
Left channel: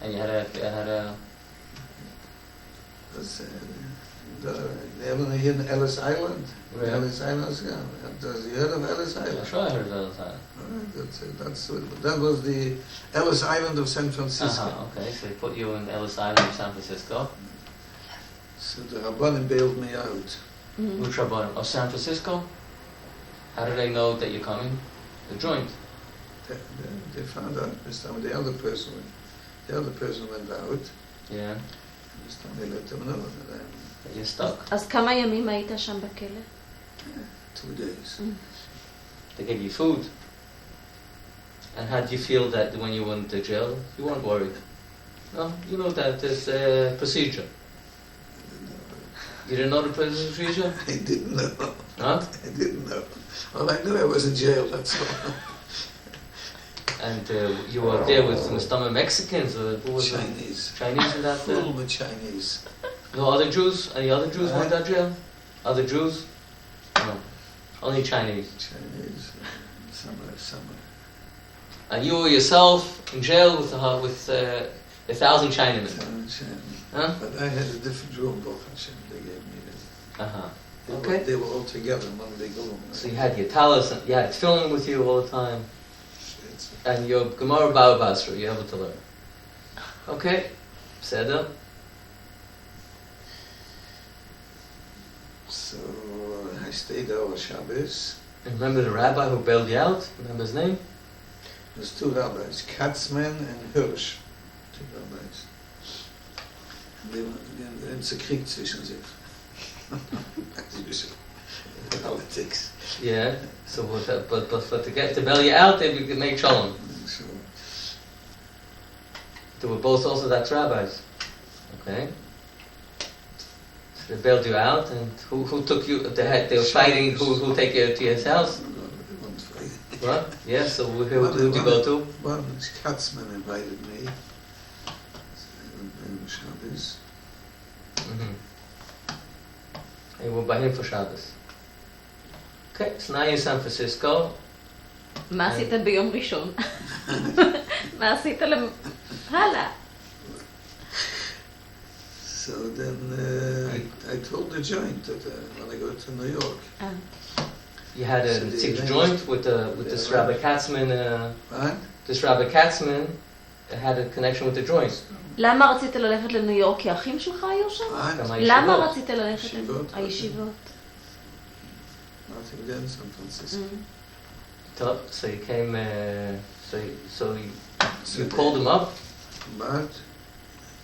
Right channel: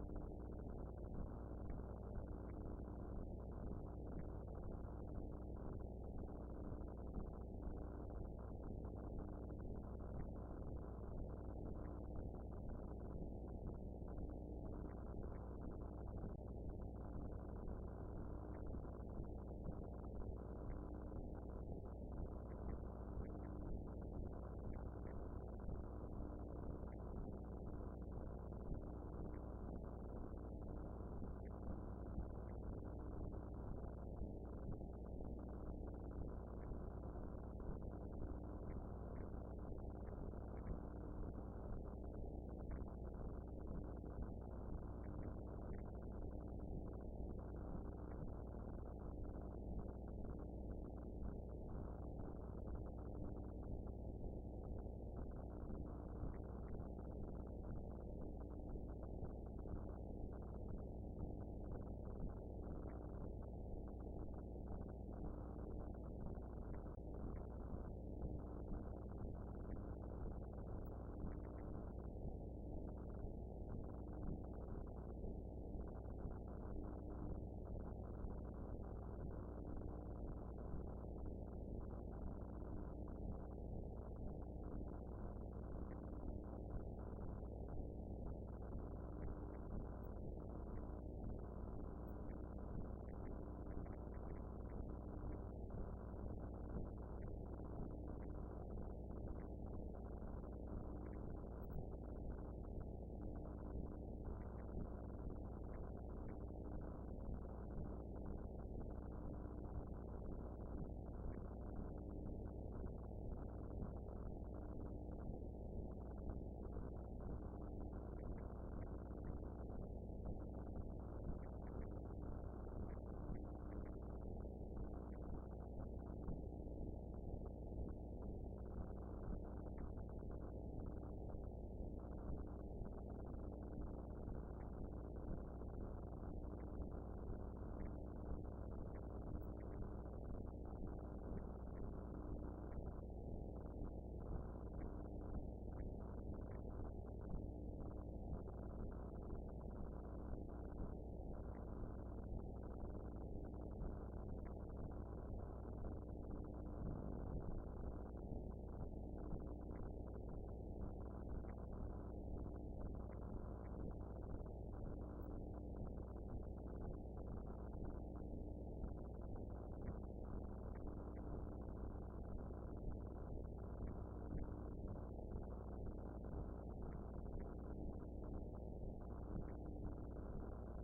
And you had a That's, they have one here in Ellis Island. Where? Ellis Island, yeah. Does you heard of Ellis Island? I'm sure I heard it all the time. That was the Ellis Island of San Francisco. Uh-huh, okay, so they put you in Ellis Island in San Francisco. So the Rabbanim bailed me out. Which Rabbanim? Of San Francisco? How do they know that you're coming? The joint. They found out this time. The other person went out. Yeah. This time they let them know that That you're stuck. אז כמה ימים היית שם בכלא? 2 days. They gave you food. And how did you feel that when you went to jail? You weren't worried. No? You know that there's a procedure. You didn't know the procedure? I didn't know. Huh? I didn't know. All I knew I was in jail, that's all. And you were there with some Mexicans or who was it? Chinese. Chinese in that Full with Chinese. No other Jews? Any other Jews went to jail? Other Jews? No. Only Chinese. Chinese. Somewhere. And you were yourself in jail with 1,000 Chinamen. Chinese. Huh? But I had a different room, Baruch Hashem, they gave me this. Uh-huh. Okay. They were all together in one big room. So you had your talis, you had film with you all the time. And your Gemara Baba Basra, you're able to learn. Okay. Seder. So I stayed there over Shabbos. And remember the rabbi who bailed you out? Remember his name? There's 2 rabbis, Katzman and Hirsch. 2 rabbis. It's a Krieg zwischen sich. As usual. Politics. Yeah. So, but to bail you out, they could make shalom. So, They were both also that's rabbis. Okay. So they bailed you out, and who took you? They were fighting. Who take you to his house? What? Yeah. So who did you go to? One Katzman invited me. In Shabbos. Mm-hmm. And you were by him for Shabbos. Okay. So now you're in San Francisco. מה עשית ביום ראשון? מה עשית הלאה? So then I told the joint that when I go to New York. You had a secret joint with this Rabbi Katzman. Right? This Rabbi Katzman had a connection with the joint. למה רצית ללכת לניו יורק? כי האחים שלך היו שם? גם למה הישיבות. רצית ללכת הישיבות? Nothing there in San Francisco. So you came. So you called him up. But,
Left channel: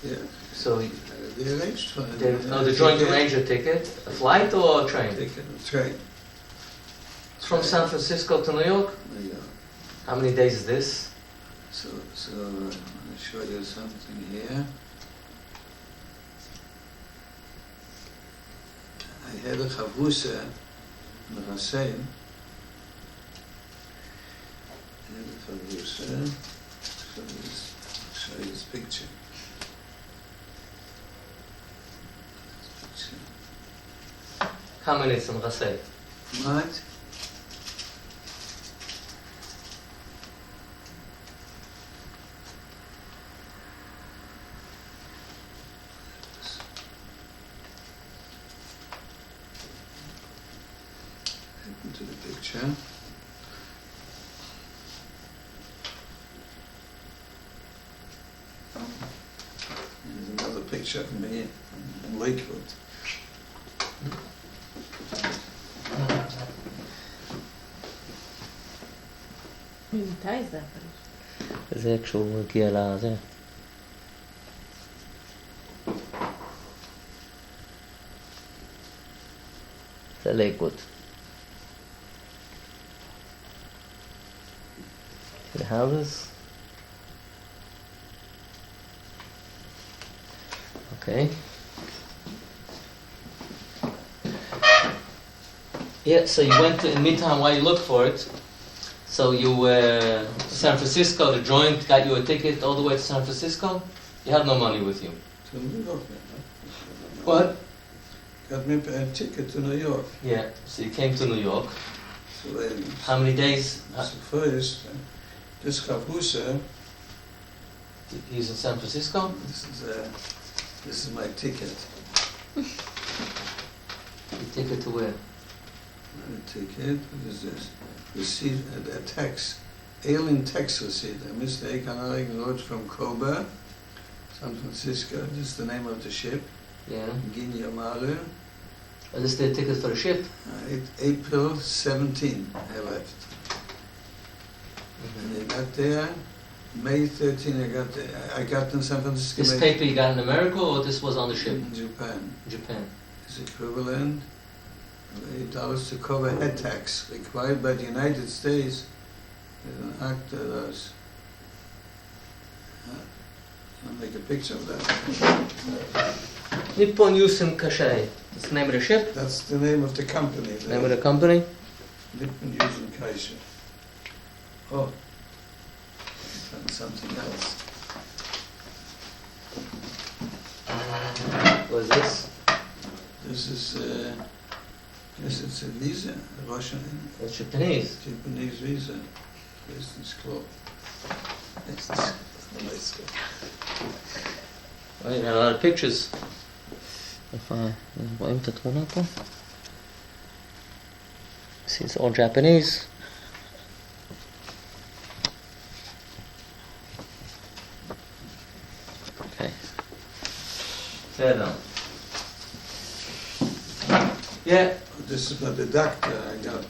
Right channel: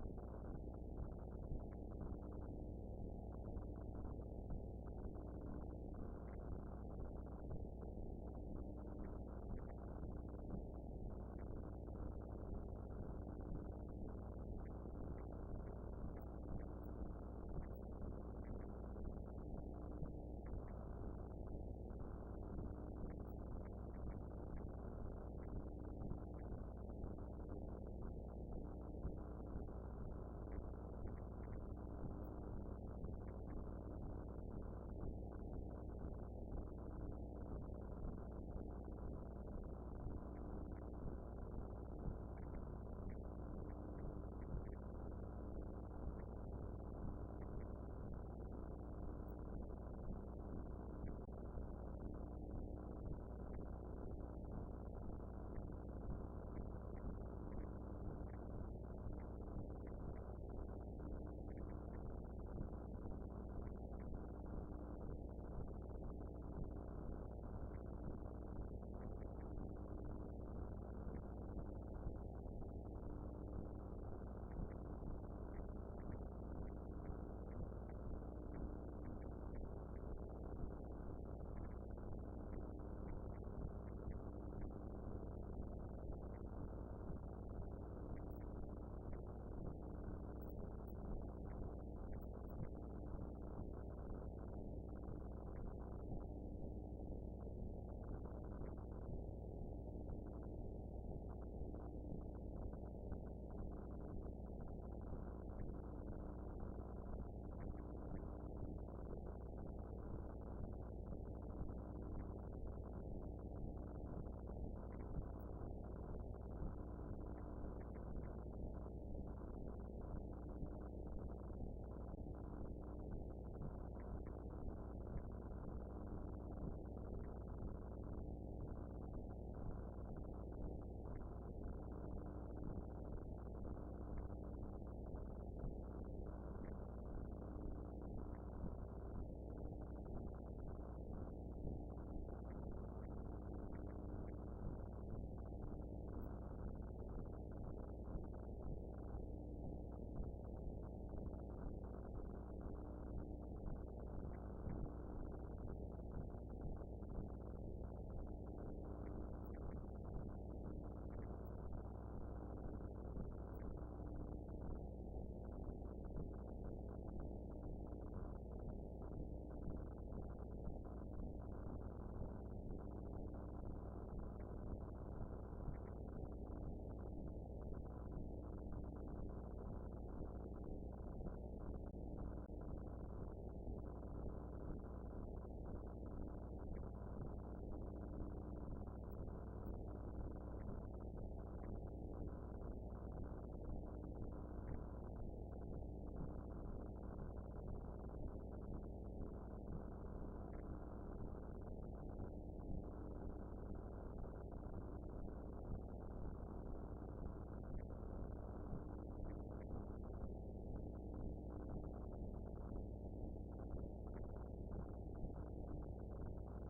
yeah, So They arranged for it. the joint arranged a ticket, a flight or a train? Train. From San Francisco to New York? New York. How many days is this? So I'll show you something here. I had a chavrusa in Hussein. Show you this picture. How many in Rasei? Right? Into the picture. Here's another picture of me in Lakewood. ממתי זה? זה כשהוא הגיע לזה. זה לייקווד. The houses. Okay. Yeah, so you went to, in the meantime, while you looked for it, so you, San Francisco, the joint got you a ticket all the way to San Francisco? You had no money with you. To New York. What? Got me a ticket to New York. Yeah, so you came to New York. So How many days? so first, this chavrusa, He's in San Francisco? this is my ticket. You ticket to where? My ticket, what is this? Receipt, a tax, alien tax receipt. Mr. Rav Kanarek wrote from Kobe, San Francisco. This is the name of the ship. Yeah. Ginya Maru. Oh, this is the ticket for the ship? April 17, I left. And I got there, May 13 I got there. I got in San Francisco. This paper you got in America or this was on the ship? In Japan. Japan. It's equivalent $8 to cover head tax required by the United States. An act that does. I'll make a picture of that. Nippon Yusen Kashai. That's the name of the ship? That's the name of the company. Name of the company? Nippon Yusen Kaisha. Oh, found something else. What is this? This is, guess it's a visa, a Russian, It's Japanese. Japanese visa. Business club. Business. Nice. Oh, you got a lot of pictures. רואים את התמונה פה? See, it's all Japanese. Okay. Yeah. This is not the doctor I got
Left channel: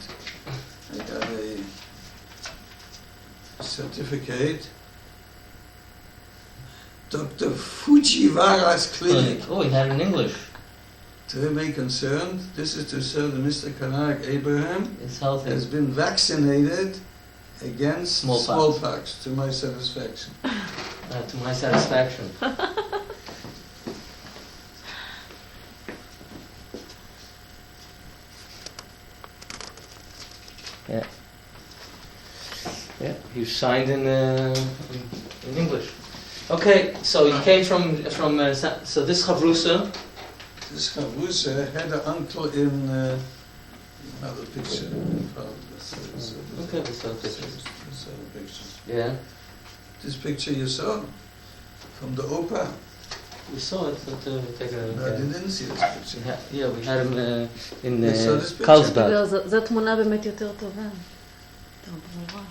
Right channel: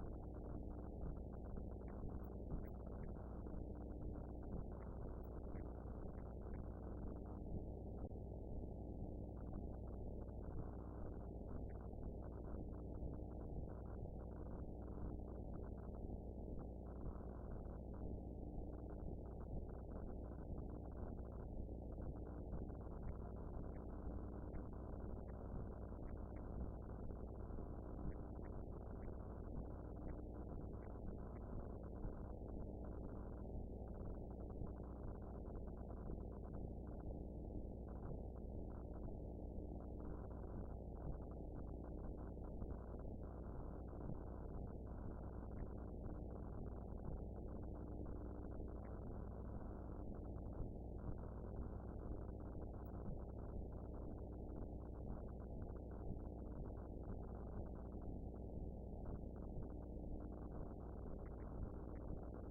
a certificate. Dr. Fujiwara's clinic. Oh, he had it in English. To remain concerned, this is to serve that Mr. Kanarek Abraham It's healthy. has been vaccinated against Smallpox. smallpox, to my satisfaction. To my satisfaction. Yeah. Yeah, you signed in English. Okay, so you came from so this Chavrusa. This chavrusa had an uncle in another picture. Okay, we saw pictures. This other picture. Yeah, This picture you saw from the opera. we saw it. But, take a, No, I didn't see this picture. yeah, we had him in We saw this picture. Carlsbad. לא, זו תמונה באמת יותר טובה. יותר ברורה.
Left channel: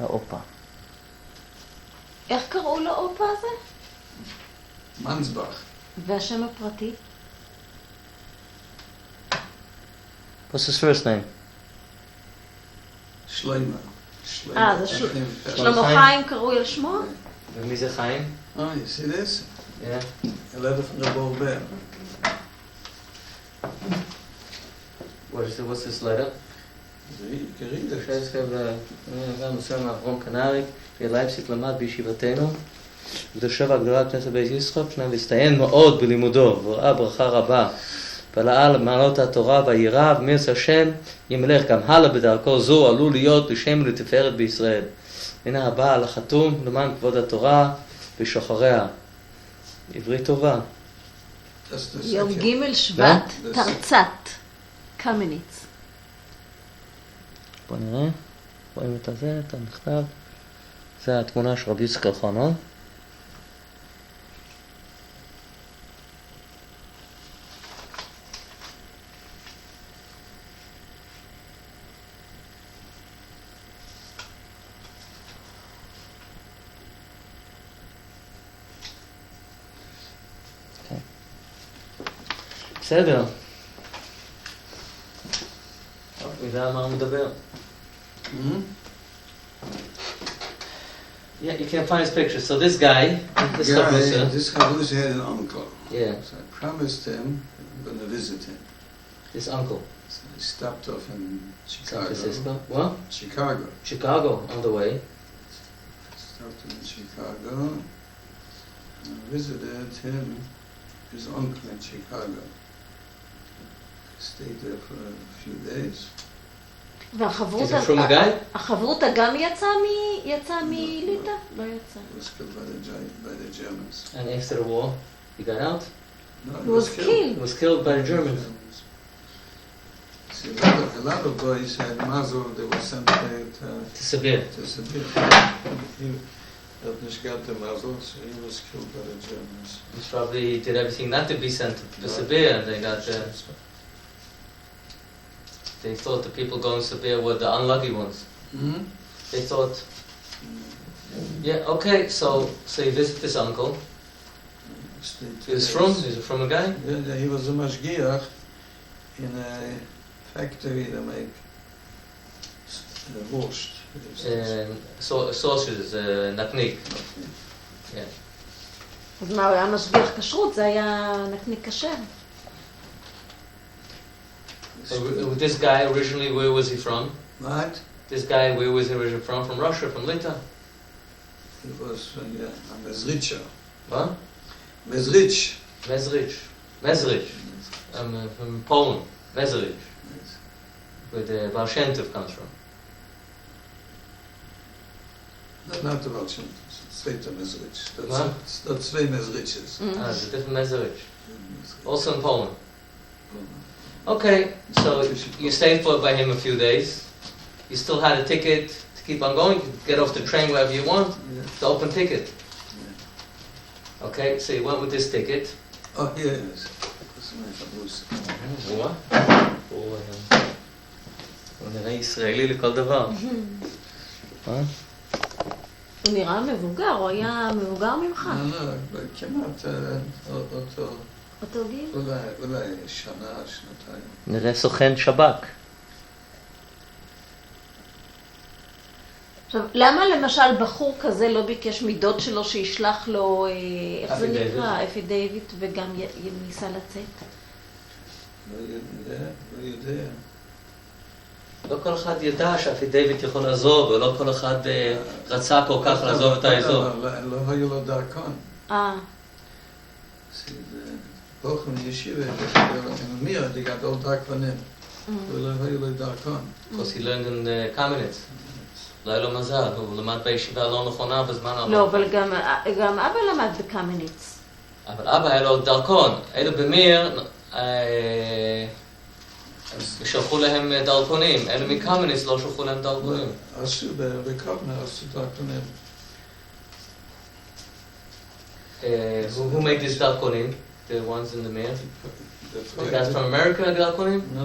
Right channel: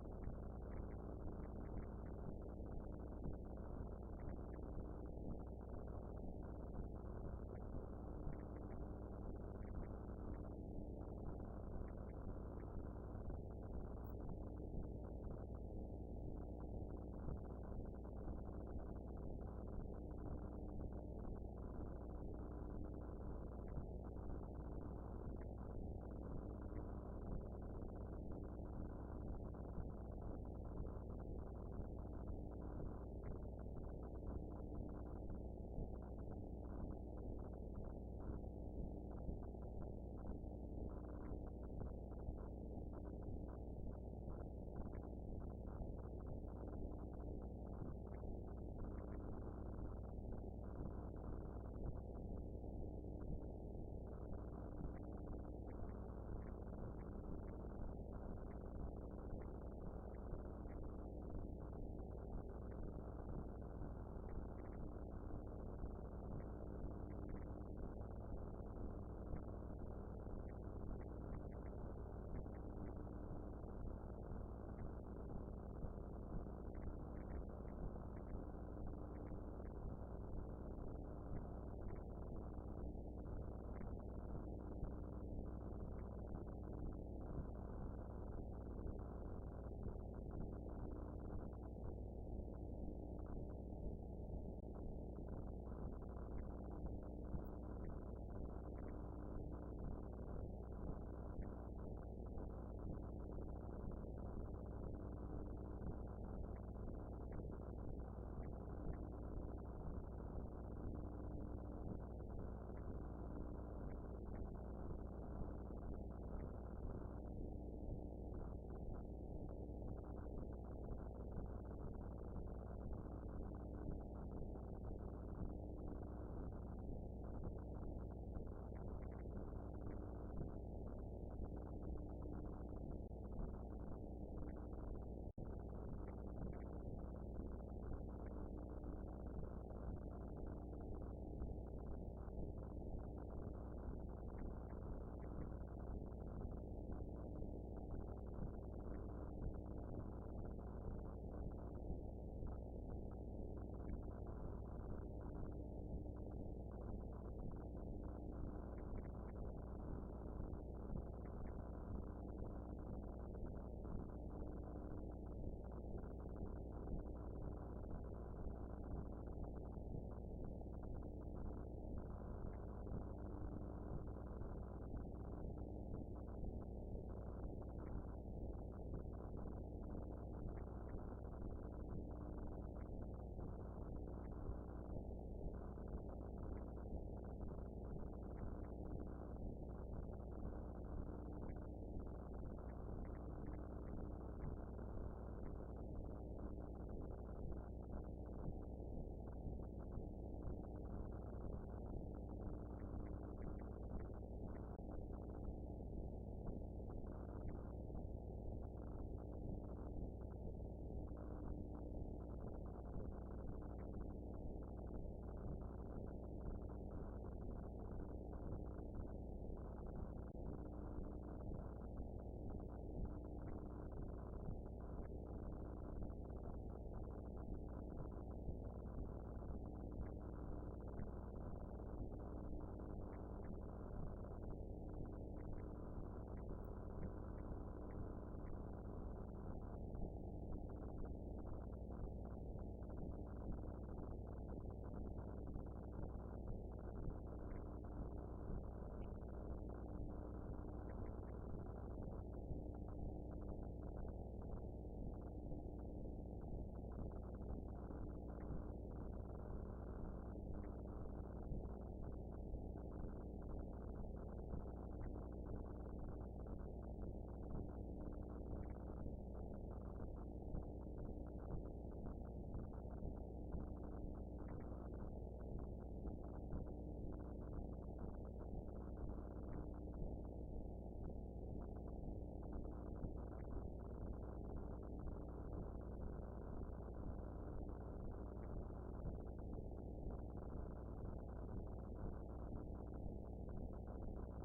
האופה. איך קראו לאופה הזה? Mansbach. והשם הפרטי? What's his first name? שלמה. זה שלמה חיים קרוי על שמו? ומי זה חיים? Oh, you see this? Yeah. A letter from the Bover. What's this letter? You can read it. גם מסוים מאברהם קנריק, בלייפציג למד בישיבתנו, ודרשו הגדולה כנסת בית יצחק, שניים והסתיים מאוד בלימודו, וראה ברכה רבה, פעלה מעלות התורה והיראה, ומירץ השם ימלך גם הלאה בדרכו זו, עלול להיות לשם ולתפארת בישראל. הנה הבא על החתום, למען כבוד התורה ושוחריה. עברית טובה. יום ג' שבט, תרצת, קמניץ. בוא נראה, רואים את הזה, את המכתב. זה התמונה של רבי יצחק אלחנן. בסדר. יודע מה הוא מדבר. Yeah, you can't find his picture. So this guy, this Chavrusa had an uncle. Yeah. So I promised him I'm going to visit him. This uncle. So I stopped off in Chicago. San Francisco. What? Chicago. Chicago, on the way. Stopped in Chicago. And I visited him, his uncle in Chicago. Stayed there for a few days. והחברותה גם יצאה מליטא? לא יצא. He was killed by the Germans. And after the war, he got out? No, He was killed. He was killed by the Germans. See, a lot of boys had mazel, they were sent To Sibir. to Sibir. He had not got the mazel, so he was killed by the Germans. He probably did everything not to be sent to Sibir, and they got... They thought the people going to Sibir were the unlucky ones. Mm-hmm. They thought... Yeah, okay, so you visit this uncle. He's from a guy? Yeah, he was a mashgiach in a factory that make borscht. Sausages, נקניק. אז מה, הוא היה משגיח כשרות? זה היה נקניק כשר? This guy originally, where was he from? What? This guy, where was he originally from? From Russia, from Lita? He was from Mezrich. What? Mezrich. Mezrich. From Poland. Mezrich. Where the Baal Shem Tov comes from. No, not the Baal Shem Tov. Straight to Mezrich. What? That's two Mezriches. It's a different Mezrich. Also in Poland. Okay, so you stayed by him a few days. You still had a ticket to keep on going. You could get off the train wherever you want. The open ticket. Okay, so you went with this ticket. Oh, yes. That's my Chavrusa. what? הוא נראה ישראלי לכל דבר. הוא נראה מבוגר, הוא היה מבוגר ממך. לא, כמעט אותו גיל? אולי שנה, שנתיים. נראה סוכן שב"כ. עכשיו, למה למשל בחור כזה לא ביקש מדוד שלו שישלח לו, איך זה נקרא? אפי דיוויד, וגם ניסה לצאת? לא יודע. לא כל אחד ידע שאפי דיוויד יכול לעזוב, ולא כל אחד רצה כל כך לעזוב את האזור. לא היו לו דרכון. Hoch in Yeshiva, in Mir, they got all darkonim. ולא היו לו דרכון. Because he learned in Kamenetz. לא היה לו מזל, הוא למד בישיבה לא נכונה בזמן הלא. לא, אבל גם אבא למד בקמניץ. אבל אבא היה לו דרכון. אלו במיר, שלחו להם דרכונים. אלו מקמניץ לא שלחו להם דרכונים. עשו בקרבנה, עשו דרכונים. Who made these דרכונים? The ones in the mail? The guys from America, דרכונים? No,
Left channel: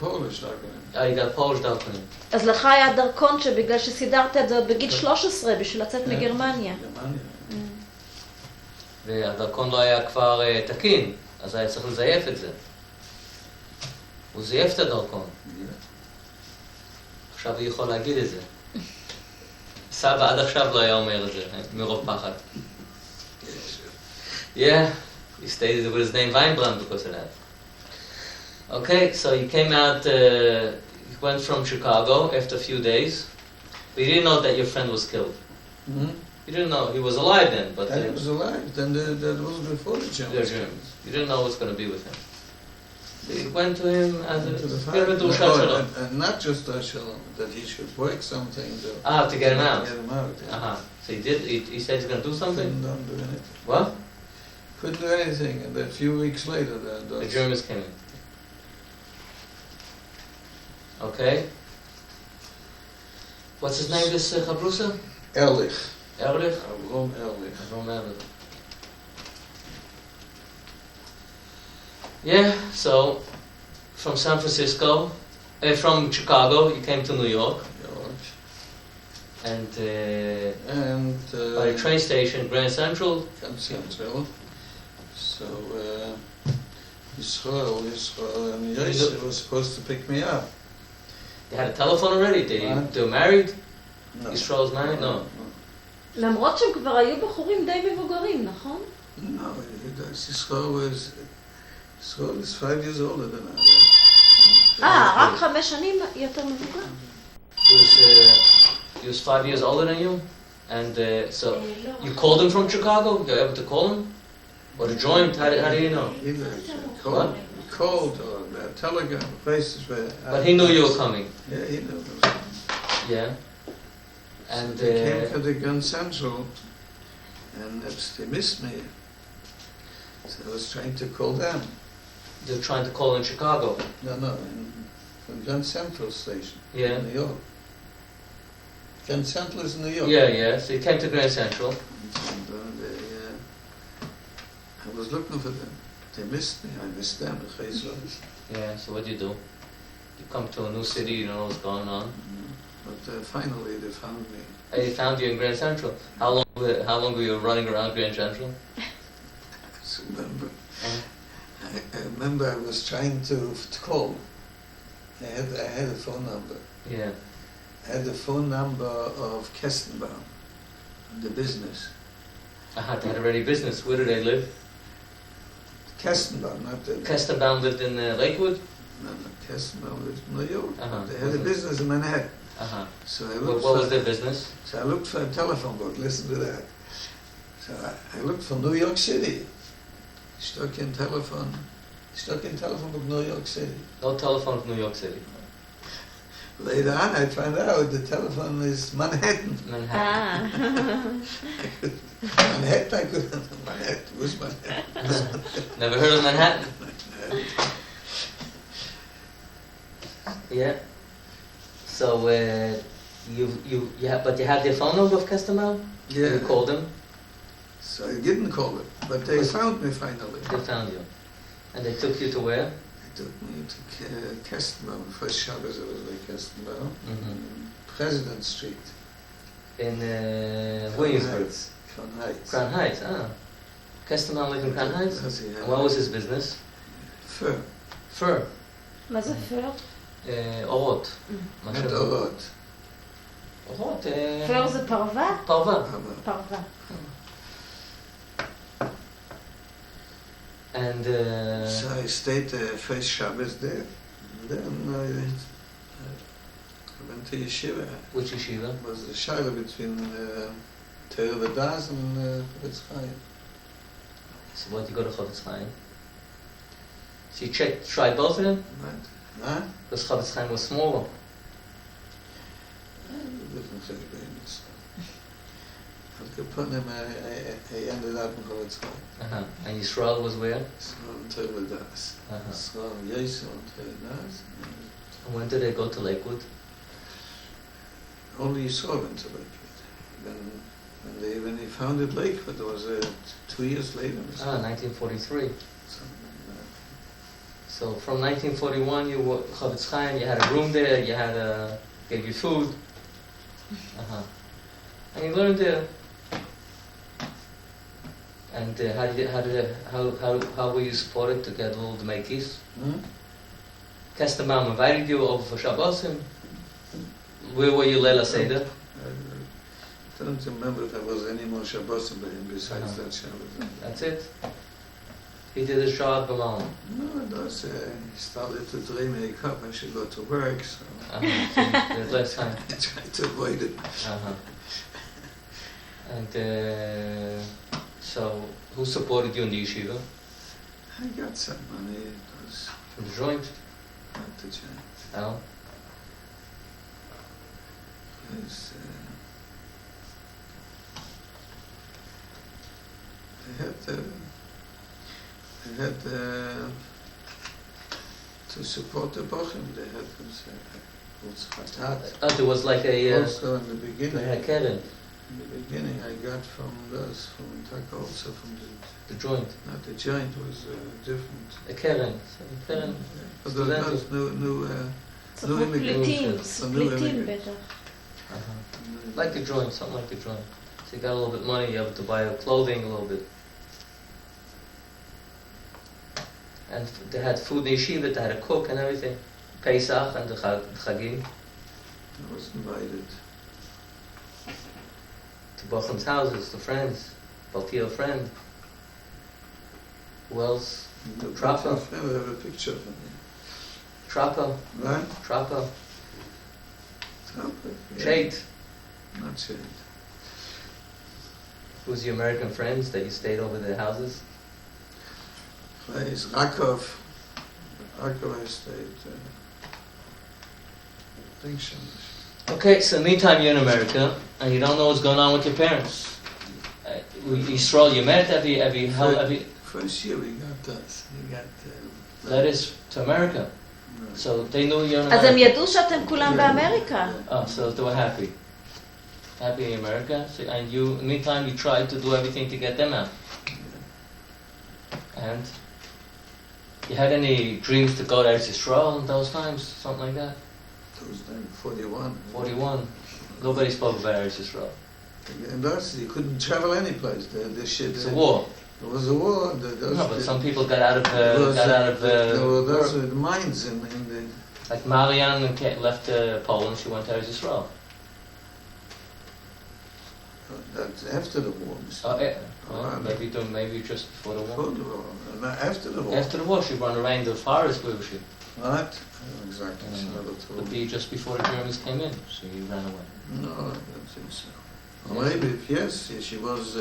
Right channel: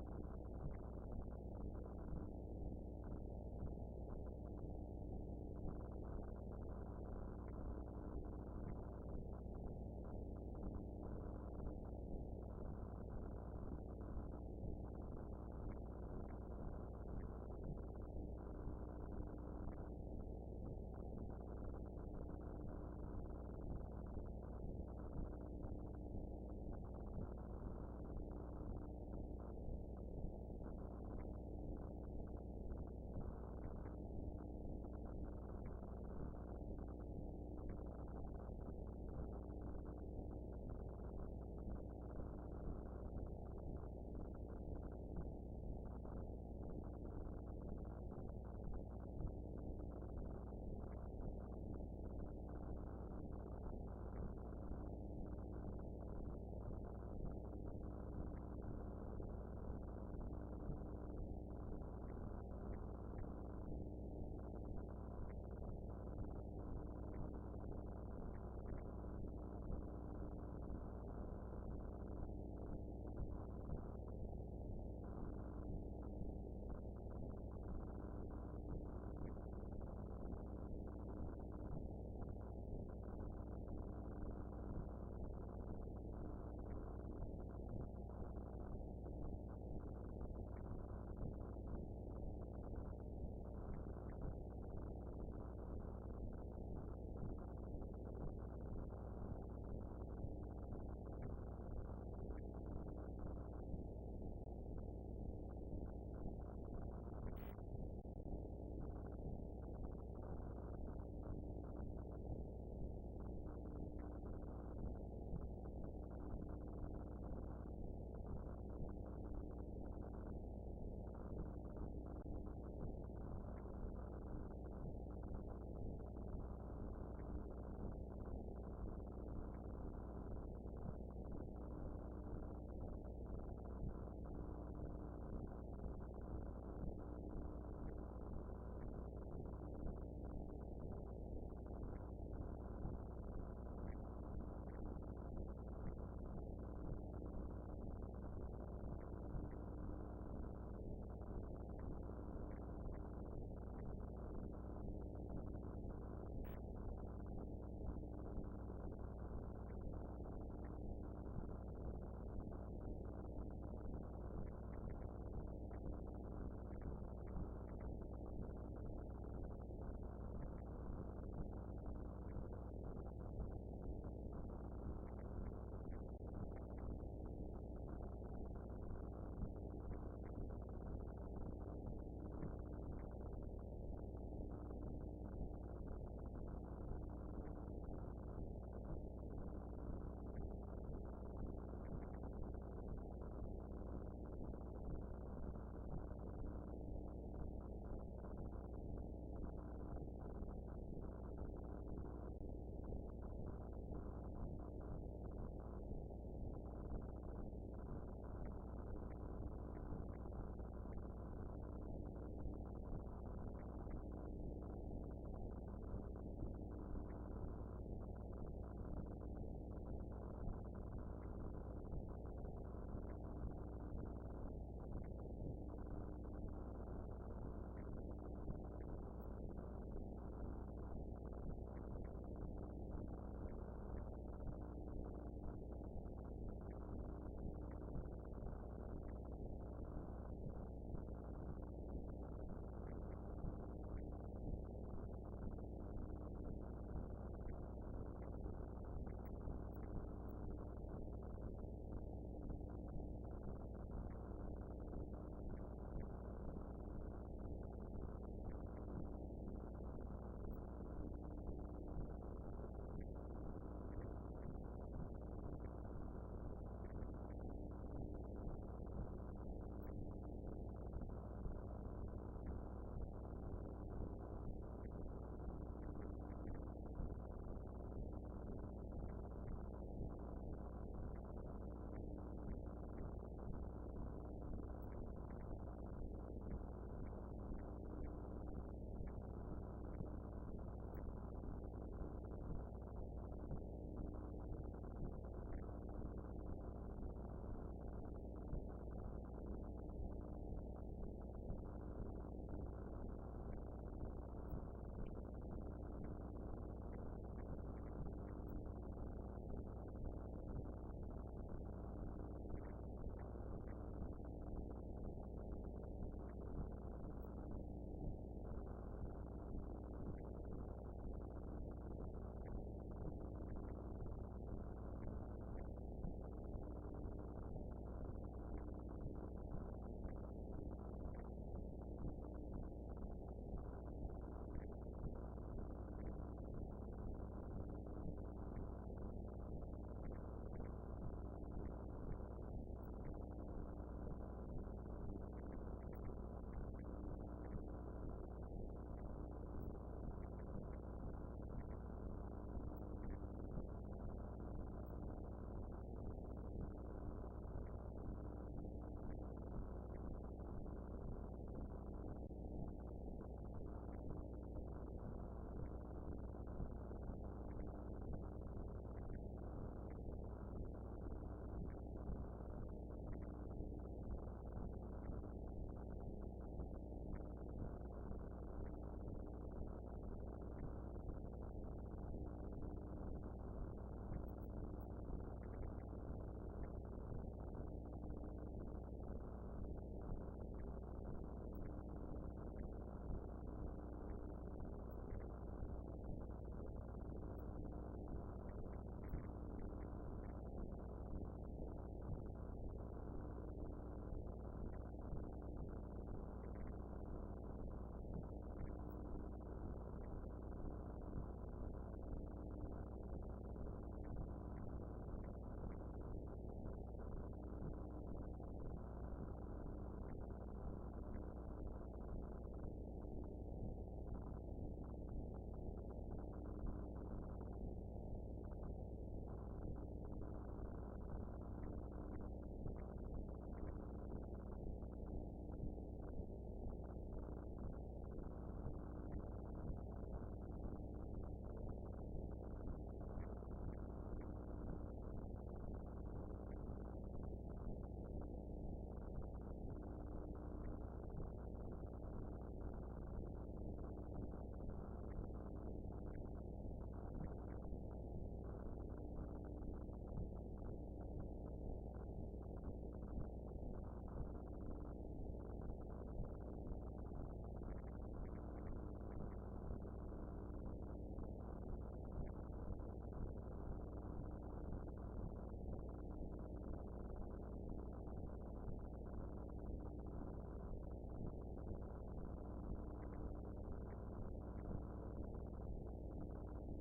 Polish דרכונים. You got Polish דרכונים. אז לך היה דרכון שבגלל שסידרת את זה עוד בגיל 13 בשביל לצאת מגרמניה. והדרכון לא היה כבר תקין, אז היה צריך לזייף את זה. הוא זייף את הדרכון. עכשיו הוא יכול להגיד את זה. סבא עד עכשיו לא היה אומר את זה, מרוב פחד. Yeah, he stated it with his name Weinbrand because of that. Okay, so he came out, he went from Chicago after a few days, but you didn't know that your friend was killed. Hmm? You didn't know he was alive then, but He was alive. Then that was before the they're Germans. Germans. You didn't know what's going to be with him. So you went to him as To the a fight. German Shalom. And not just Shalom, that he should work something To get him out. Get him out. Yeah. Uh-huh. So he did. He said he's going to do something. Couldn't do anything. What? Couldn't do anything. And then a few weeks later, The Germans came in. Okay. What's his name? This Chabrusa? Ehrlich. Erlich. Avrom Ehrlich. Avrom Erlich. Yeah. So, from San Francisco, from Chicago, you came to New York, and by the train station, Grand Central. Grand Central. So Yisrael and Yosef was supposed to pick me up. You had a telephone already? They were married? No. Yisrael's married? No. למרות שהם כבר היו בחורים די מבוגרים, נכון? No, Yisrael is 5 years older than I רק 5 שנים יותר מבוגר. He was 5 years older than you? And so, you called him from Chicago? You were able to call him? Or to join? How do you know? He called or telegram, places where... But he knew you were coming? Yeah, he knew. Yeah. And So they came to the Grand Central and they missed me. So I was trying to call them. they were trying to call in Chicago? No, from Grand Central Station Yeah. in New York. Grand Central is in New York. Yeah. So you came to Grand Central. And I was looking for them. They missed me. I missed them. Yeah, so what do? You come to a new city, you don't know what's going on. But finally they found me. They found you in Grand Central. How long were you running around Grand Central? I remember I was trying to call. I had a phone number. Yeah. I had the phone number of Kestenbaum, the business. They had already business. Where do they live? Kestenbaum, not the... Kestenbaum lived in Lakewood? No, Kestenbaum lived in New York. Uh-huh. They had a business in Manhattan. Uh-huh. So I looked What was their business? So I looked for a telephone book, listen to that. So I looked for New York City. Stuck in telephone book, New York City. No telephone from New York City. Later on I found out the telephone is Manhattan. Manhattan. Manhattan, I couldn't. Manhattan, who's Manhattan? Never heard of Manhattan? Yeah. So but you had their phone number of Kestenbaum? Yeah. You called them? So I didn't call it, but they found me finally. They found you. And they took you to where? They took me to Kestenbaum, first Shabbos it was like Kestenbaum, Mm-hmm. President Street. In Williamsburg. Crown Heights. Crown Heights, Kestenbaum lived in Crown Heights? Yes, he had. And what was his business? Fur. Fur. מה זה פר? אורות. Not Orot. אורות. פר זה פרווה? פרווה. פרווה. And So I stayed first Shabbos there. Then I went to yeshiva. which yeshiva? It was the shaila between Torah V'das and Chofetz Chaim. So what you go to Chofetz Chaim? So you tried both of them? Huh? Because Chofetz Chaim was smaller. Different things. Al Kaponim, I ended up in Chofetz Chaim. And Yisrael was where? So Torah V'das. So Yosef and Torah V'das. And when did they go to Lakewood? Only Yisrael went to Lakewood. When they founded Lakewood, it was 2 years later. 1943. So from 1941 you were Chofetz Chaim, you had a room there, you had gave you food. And you learned there. And how were you supported to get all the Makis? Kestenbaum invited you over for Shabbosim. Where were you Leila Seder? I don't remember if there was any more Shabbos by him besides that Shabbos. That's it? He did his job alone. No, it was, he started to dream he I should go to work, so So there's less time. I tried to avoid it. And so, who supported you in the yeshiva? I got some money, it was From the joint? not the giant. No? It was, I had to support the Bochum, they had this, There was like a... also in the beginning. They had Keren, In the beginning, I got from Taka, also from the joint. not the joint, was different. A Keren. Keren. But there was new סוכנות פליטים, פליטים בטח. Like the joint, something like the joint. So you got a little bit of money, you have to buy clothing a little bit. And they had food in the yeshiva, they had a cook and everything. Pesach and the Chagim. I was invited. To Bochum's houses, to friends. Baltiel friend. Who else? Trappa. I have a picture of me. Trappa. Right? Trappa. Yeah. Shade. Not Shade. Who's your American friends that you stayed over their houses? Place Rakov. Rakov I stayed. Function. Okay, so meantime you're in America and you don't know what's going on with your parents. Yisrael, you met every First year we got that. We got letters to America. So they knew you're in אז הם America. ידעו שאתם כולם באמריקה. Oh, so they were happy. Happy in America. So, and you, meantime, you tried to do everything to get them out. And you had any dreams to go to Eretz Yisrael in those times? Something like that? Those times, 41. 41. Nobody spoke about Eretz Yisrael. And that's, you couldn't travel any place. The shit. It's a war. There was a war. No, but some people got out of there were those work. mines in the. Like Marianne left Poland, she went to Eretz Yisrael. That's after the war. Well, maybe just before the Before war. the war. No, after the war. After the war, she ran around the forest, where was she? Right? Exactly. Mm. So that's all. Would be just before the Germans came in, so you ran away. No, I don't think so. Or maybe, yes, she was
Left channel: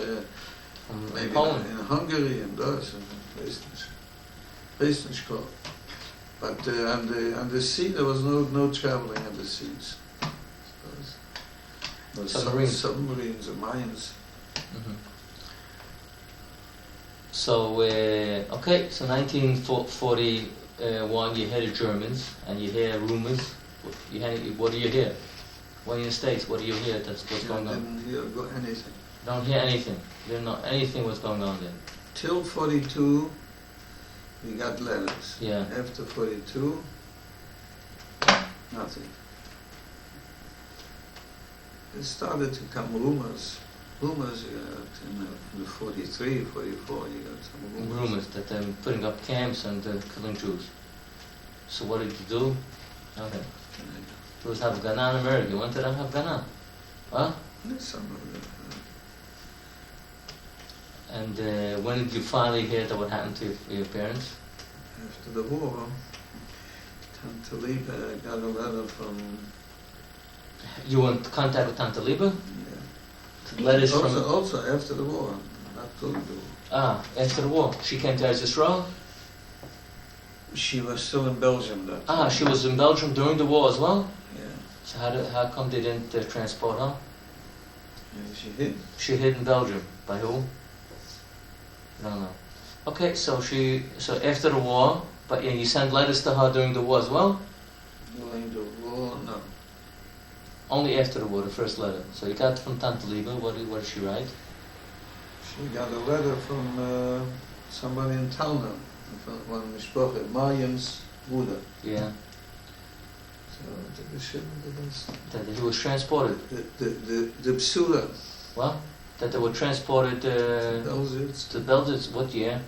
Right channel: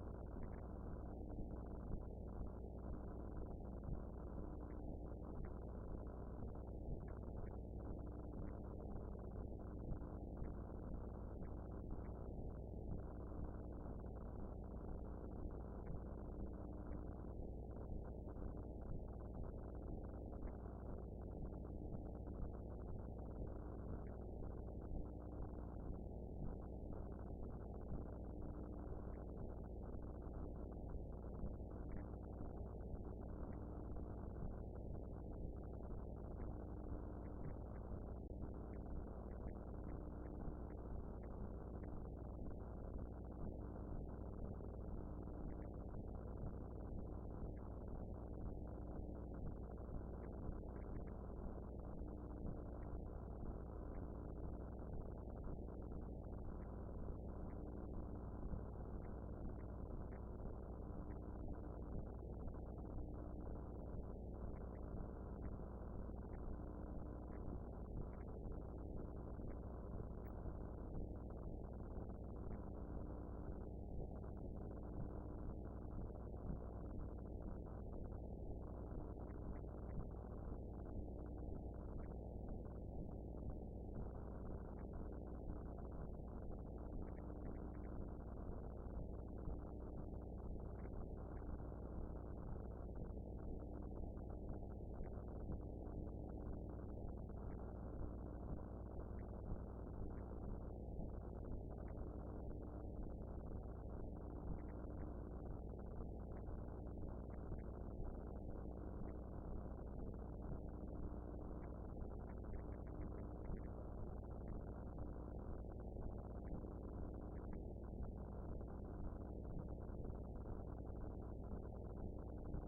maybe Poland. in Hungary and those, Western. But on the sea, there was no traveling on the seas. There was submarines and mines. Mm-hmm. So, okay, so 1941, you hear the Germans, and you hear rumors. What do you hear? When you're in the States, what do you hear that's what's going on? I didn't hear anything. Don't hear anything. You don't know anything what's going on then. Till 42, we got letters. Yeah. After 42, nothing. It started to come rumors. Rumors in the 43, 44, you got some Rumors that they're putting up camps and killing Jews. So what did you do? Nothing. There was Hafganah in America. You went to that Hafganah. Huh? Some of them. And when did you finally hear that what happened to your parents? After the war, Tante Liebe got a letter from. You were in contact with Tante Liebe? Yeah. Letters also, from... Also after the war, not during the war. Ah, after the war. She came to Eretz Yisrael? She was still in Belgium then. Ah, she was in Belgium during the war as well? Yeah. So how come they didn't transport her? She hid. She hid in Belgium. By who? No. Okay, so after the war, but you sent letters to her during the war as well? During the war, no. Only after the war, the first letter. So you got from Tante Liebe, what did she write? She got a letter from somebody in Talna, from one Mishpoche, Mariam's Bruder. Yeah. So That he was transported. the Psula. What? That they were transported to Belgium. What year?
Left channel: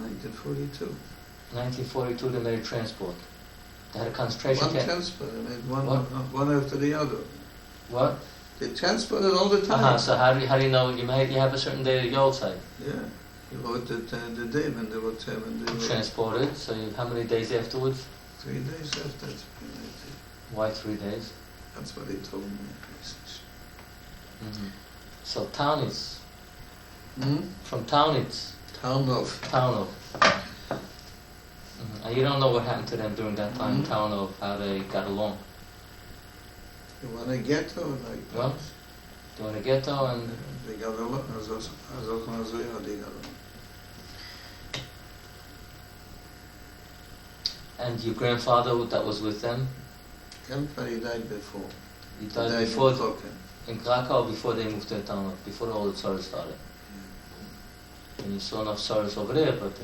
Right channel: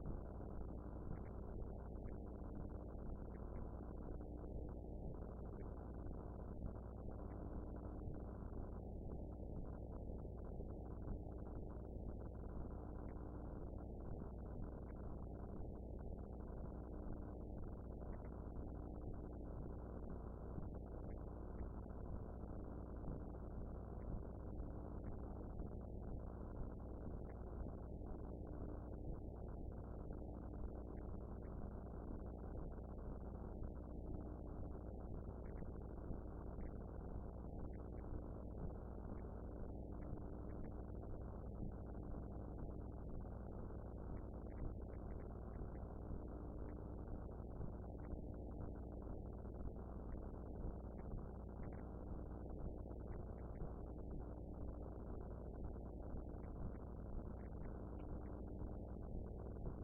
1942. 1942 they made a transport. They had a concentration One camp. transport, I mean, What? one after the other. What? They transported all the time. So how do you know you have a certain day of Yoltzeit? Yeah, you wrote the day when they were Transported. So how many days afterwards? 3 days after. Why 3 days? That's what they told me. Mm-hmm. So Taunitz. From Taunitz. Taunov. And you don't know what happened to them during that time, Taunov, how they got along. You want a ghetto like that? What? They were in a ghetto and... They got along. They got along. And your grandfather that was with them? Grandpa, he died before. He died before in Krakow, before they moved to Taunov, before all the Tzoros started. And you saw enough Tzoros over there, but...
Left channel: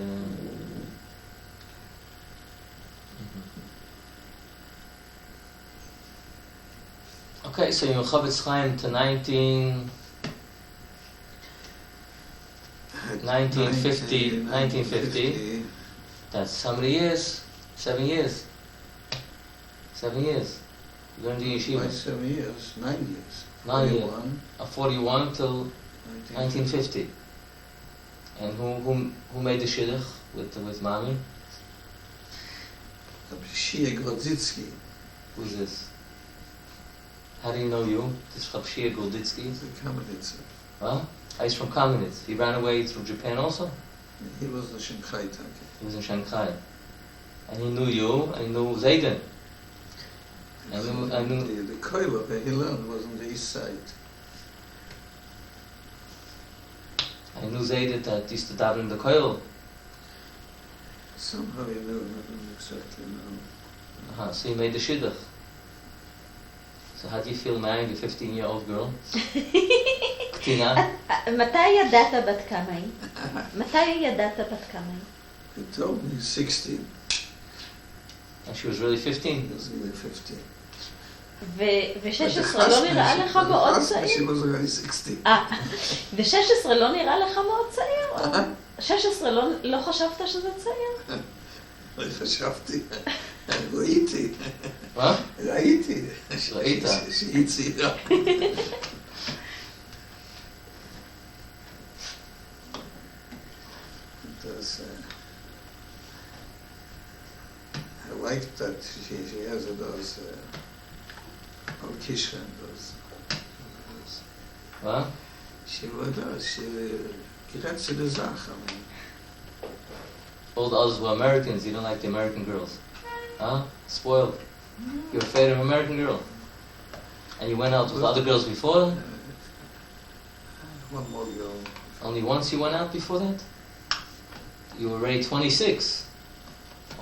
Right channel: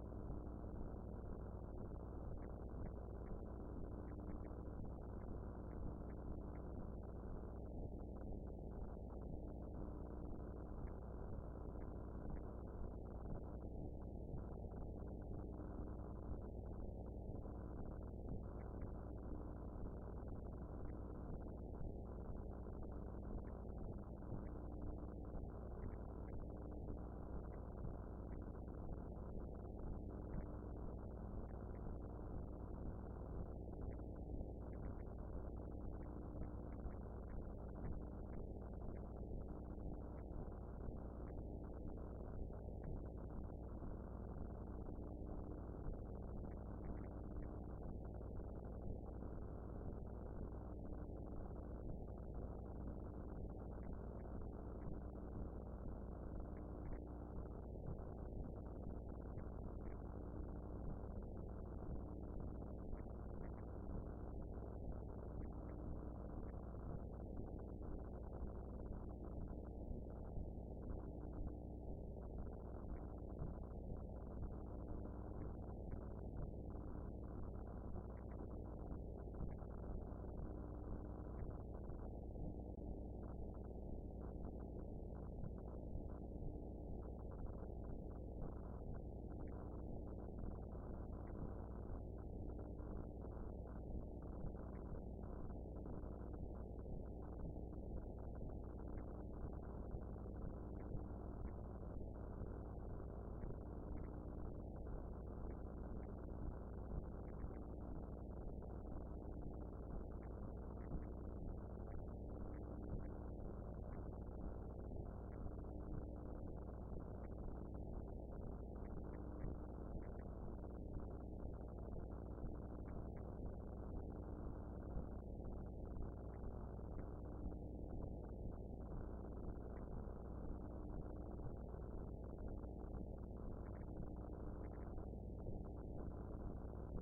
Okay, so you're Chavetz Chaim to 1950. That's how many years? 7 years. 7 years. You learned the yeshiva. Why 7 years? 9 years. 9 years. 41 till 1950. And who made the shidduch with Mami? Shia Grodzitsky. Who's this? How do you know you? This is Shia Grodzitsky? He's a Kamenitzer. Huh? He's from Kamenitz. He ran away through Japan also? He was in Shanghai. He was in Shanghai. And he knew you, and he knew Zayden. I knew... The koila where he learned was on the east side. I knew Zayden that used to daven in the koil. Somehow he knew, I don't exactly know. So he made the shidduch. So how do you feel marrying a 15-year-old girl? קטינה? מתי ידעת בת כמה היא? מתי ידעת בת כמה היא? He told me 16. And she was really 15? He was really 15. ו-16 לא נראה לך מאוד צעיר? She was already 16. ו-16 לא נראה לך מאוד צעיר? 16 לא חשבת שזה צעיר? לא חשבתי. ראיתי. מה? ראיתי. ראית? שהיא צעירה. I like that she has those Kishran, those. מה? She gets to the Zach. All the others were Americans. You don't like the American girls. Huh? Spoiled. You're afraid of American girl. And you went out with other girls before? One more girl. Only once you went out before that? You were already 26.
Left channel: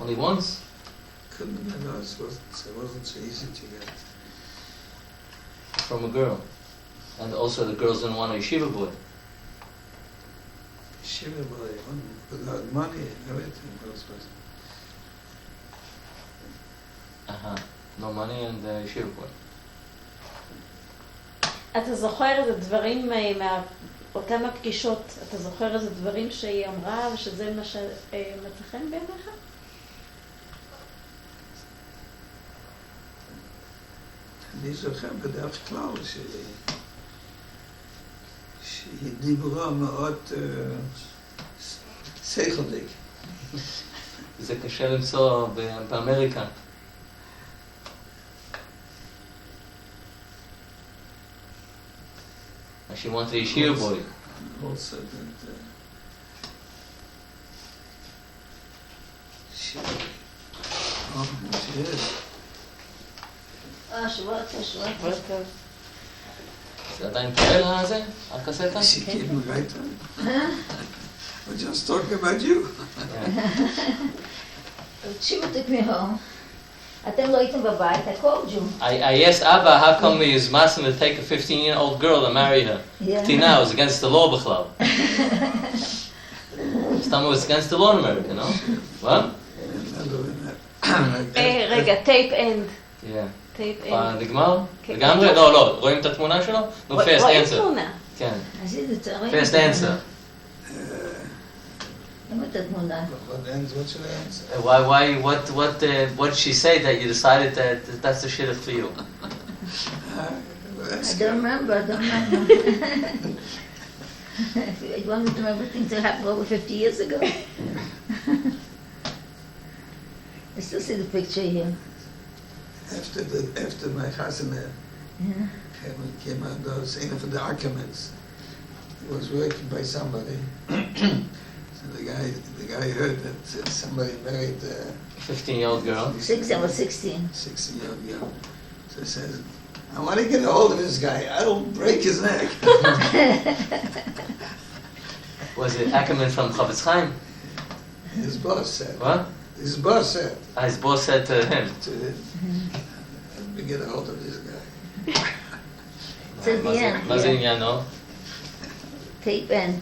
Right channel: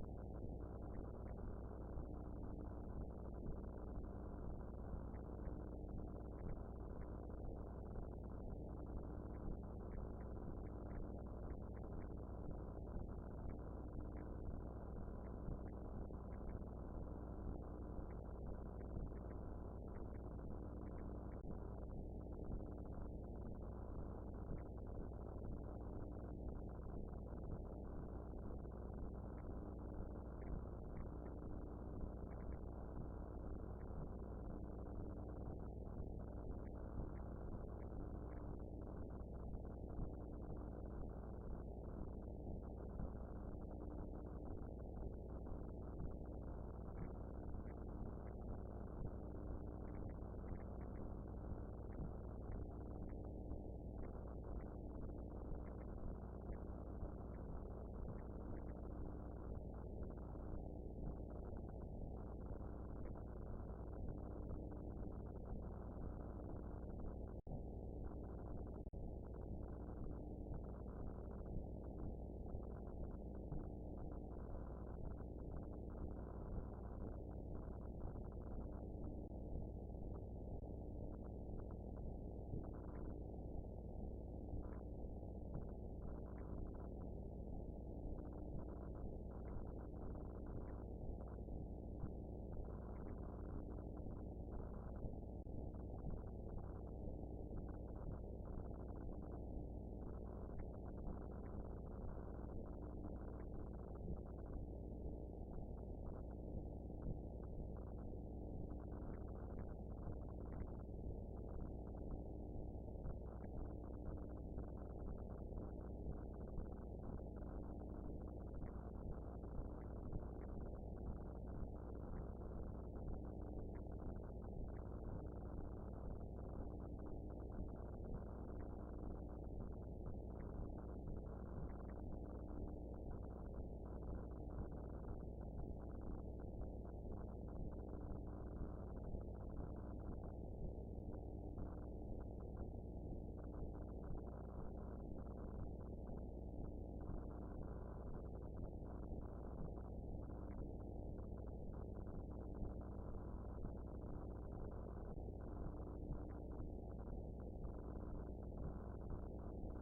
Only once? Couldn't have been us. It wasn't so easy to get. From a girl. And also the girls didn't want a yeshiva boy. Yeshiva boy, without money and everything. No money and yeshiva boy. אתה זוכר איזה דברים מאותם הפגישות, אתה זוכר איזה דברים שהיא אמרה ושזה מה שמצא חן בעיניך? אני זוכר בדרך כלל שהיא דיברה מאוד שכלית. זה קשה למצוא באמריקה. She wanted a yeshiva boy. Also that she is. שבועות. זה עדיין פועל הזה? הקסטה? She came right on. We're just talking about you. תקשיבו תקמיהו. אתם לא הייתם בבית, הכל ג'ו. I asked Abba, how come he was asking to take a 15-year-old girl to marry her? Tina, it was against the law, בכלל. Stam was against the law in America, no? What? רגע, טייפ אנד. טייפ אנד. נגמר? לגמרי? לא, רואים את התמונה שלו? No, fast רואים answer. תמונה. כן. אז זה צריך... Fast answer. למה את התמונה? What should I answer? What did she say that you decided that that's the shidduch for you? I don't remember. You want me to remember things that happened over 50 years ago? I still see the picture here. After my chasana Yeah. came out, I was saying for the arguments. He was working by somebody. So the guy heard that somebody married 15-year-old girl. I was 16. 16-year-old girl. So he says, I want to get a hold of this guy. I will break his neck. Was it Ackerman from Chavetz Chaim? His boss said. What? His boss said His boss said to him. to him, let me get a hold of this guy. It's at the end. מה זה Yeah. עניינו? Tape end.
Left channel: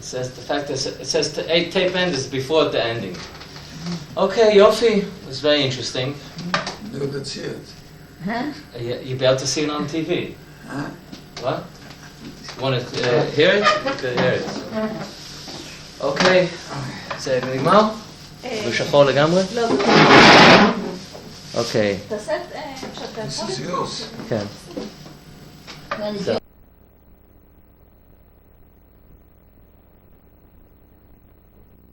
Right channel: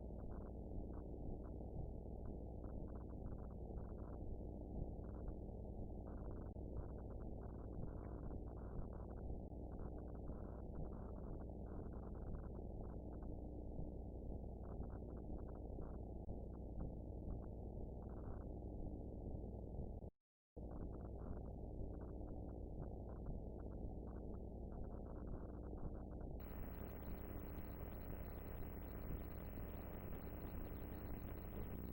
It says the fact that it says the 8 tape end is before the ending. Okay, Yofi. It's very interesting. No, that's it. Huh? You be able to see it on TV. Huh? What? Want to hear it? You could hear it. אוקיי, זה נגמר? בשחור לגמרי? לא, אוקיי, תעשה, שאתה This יכול is yours. כן. You want to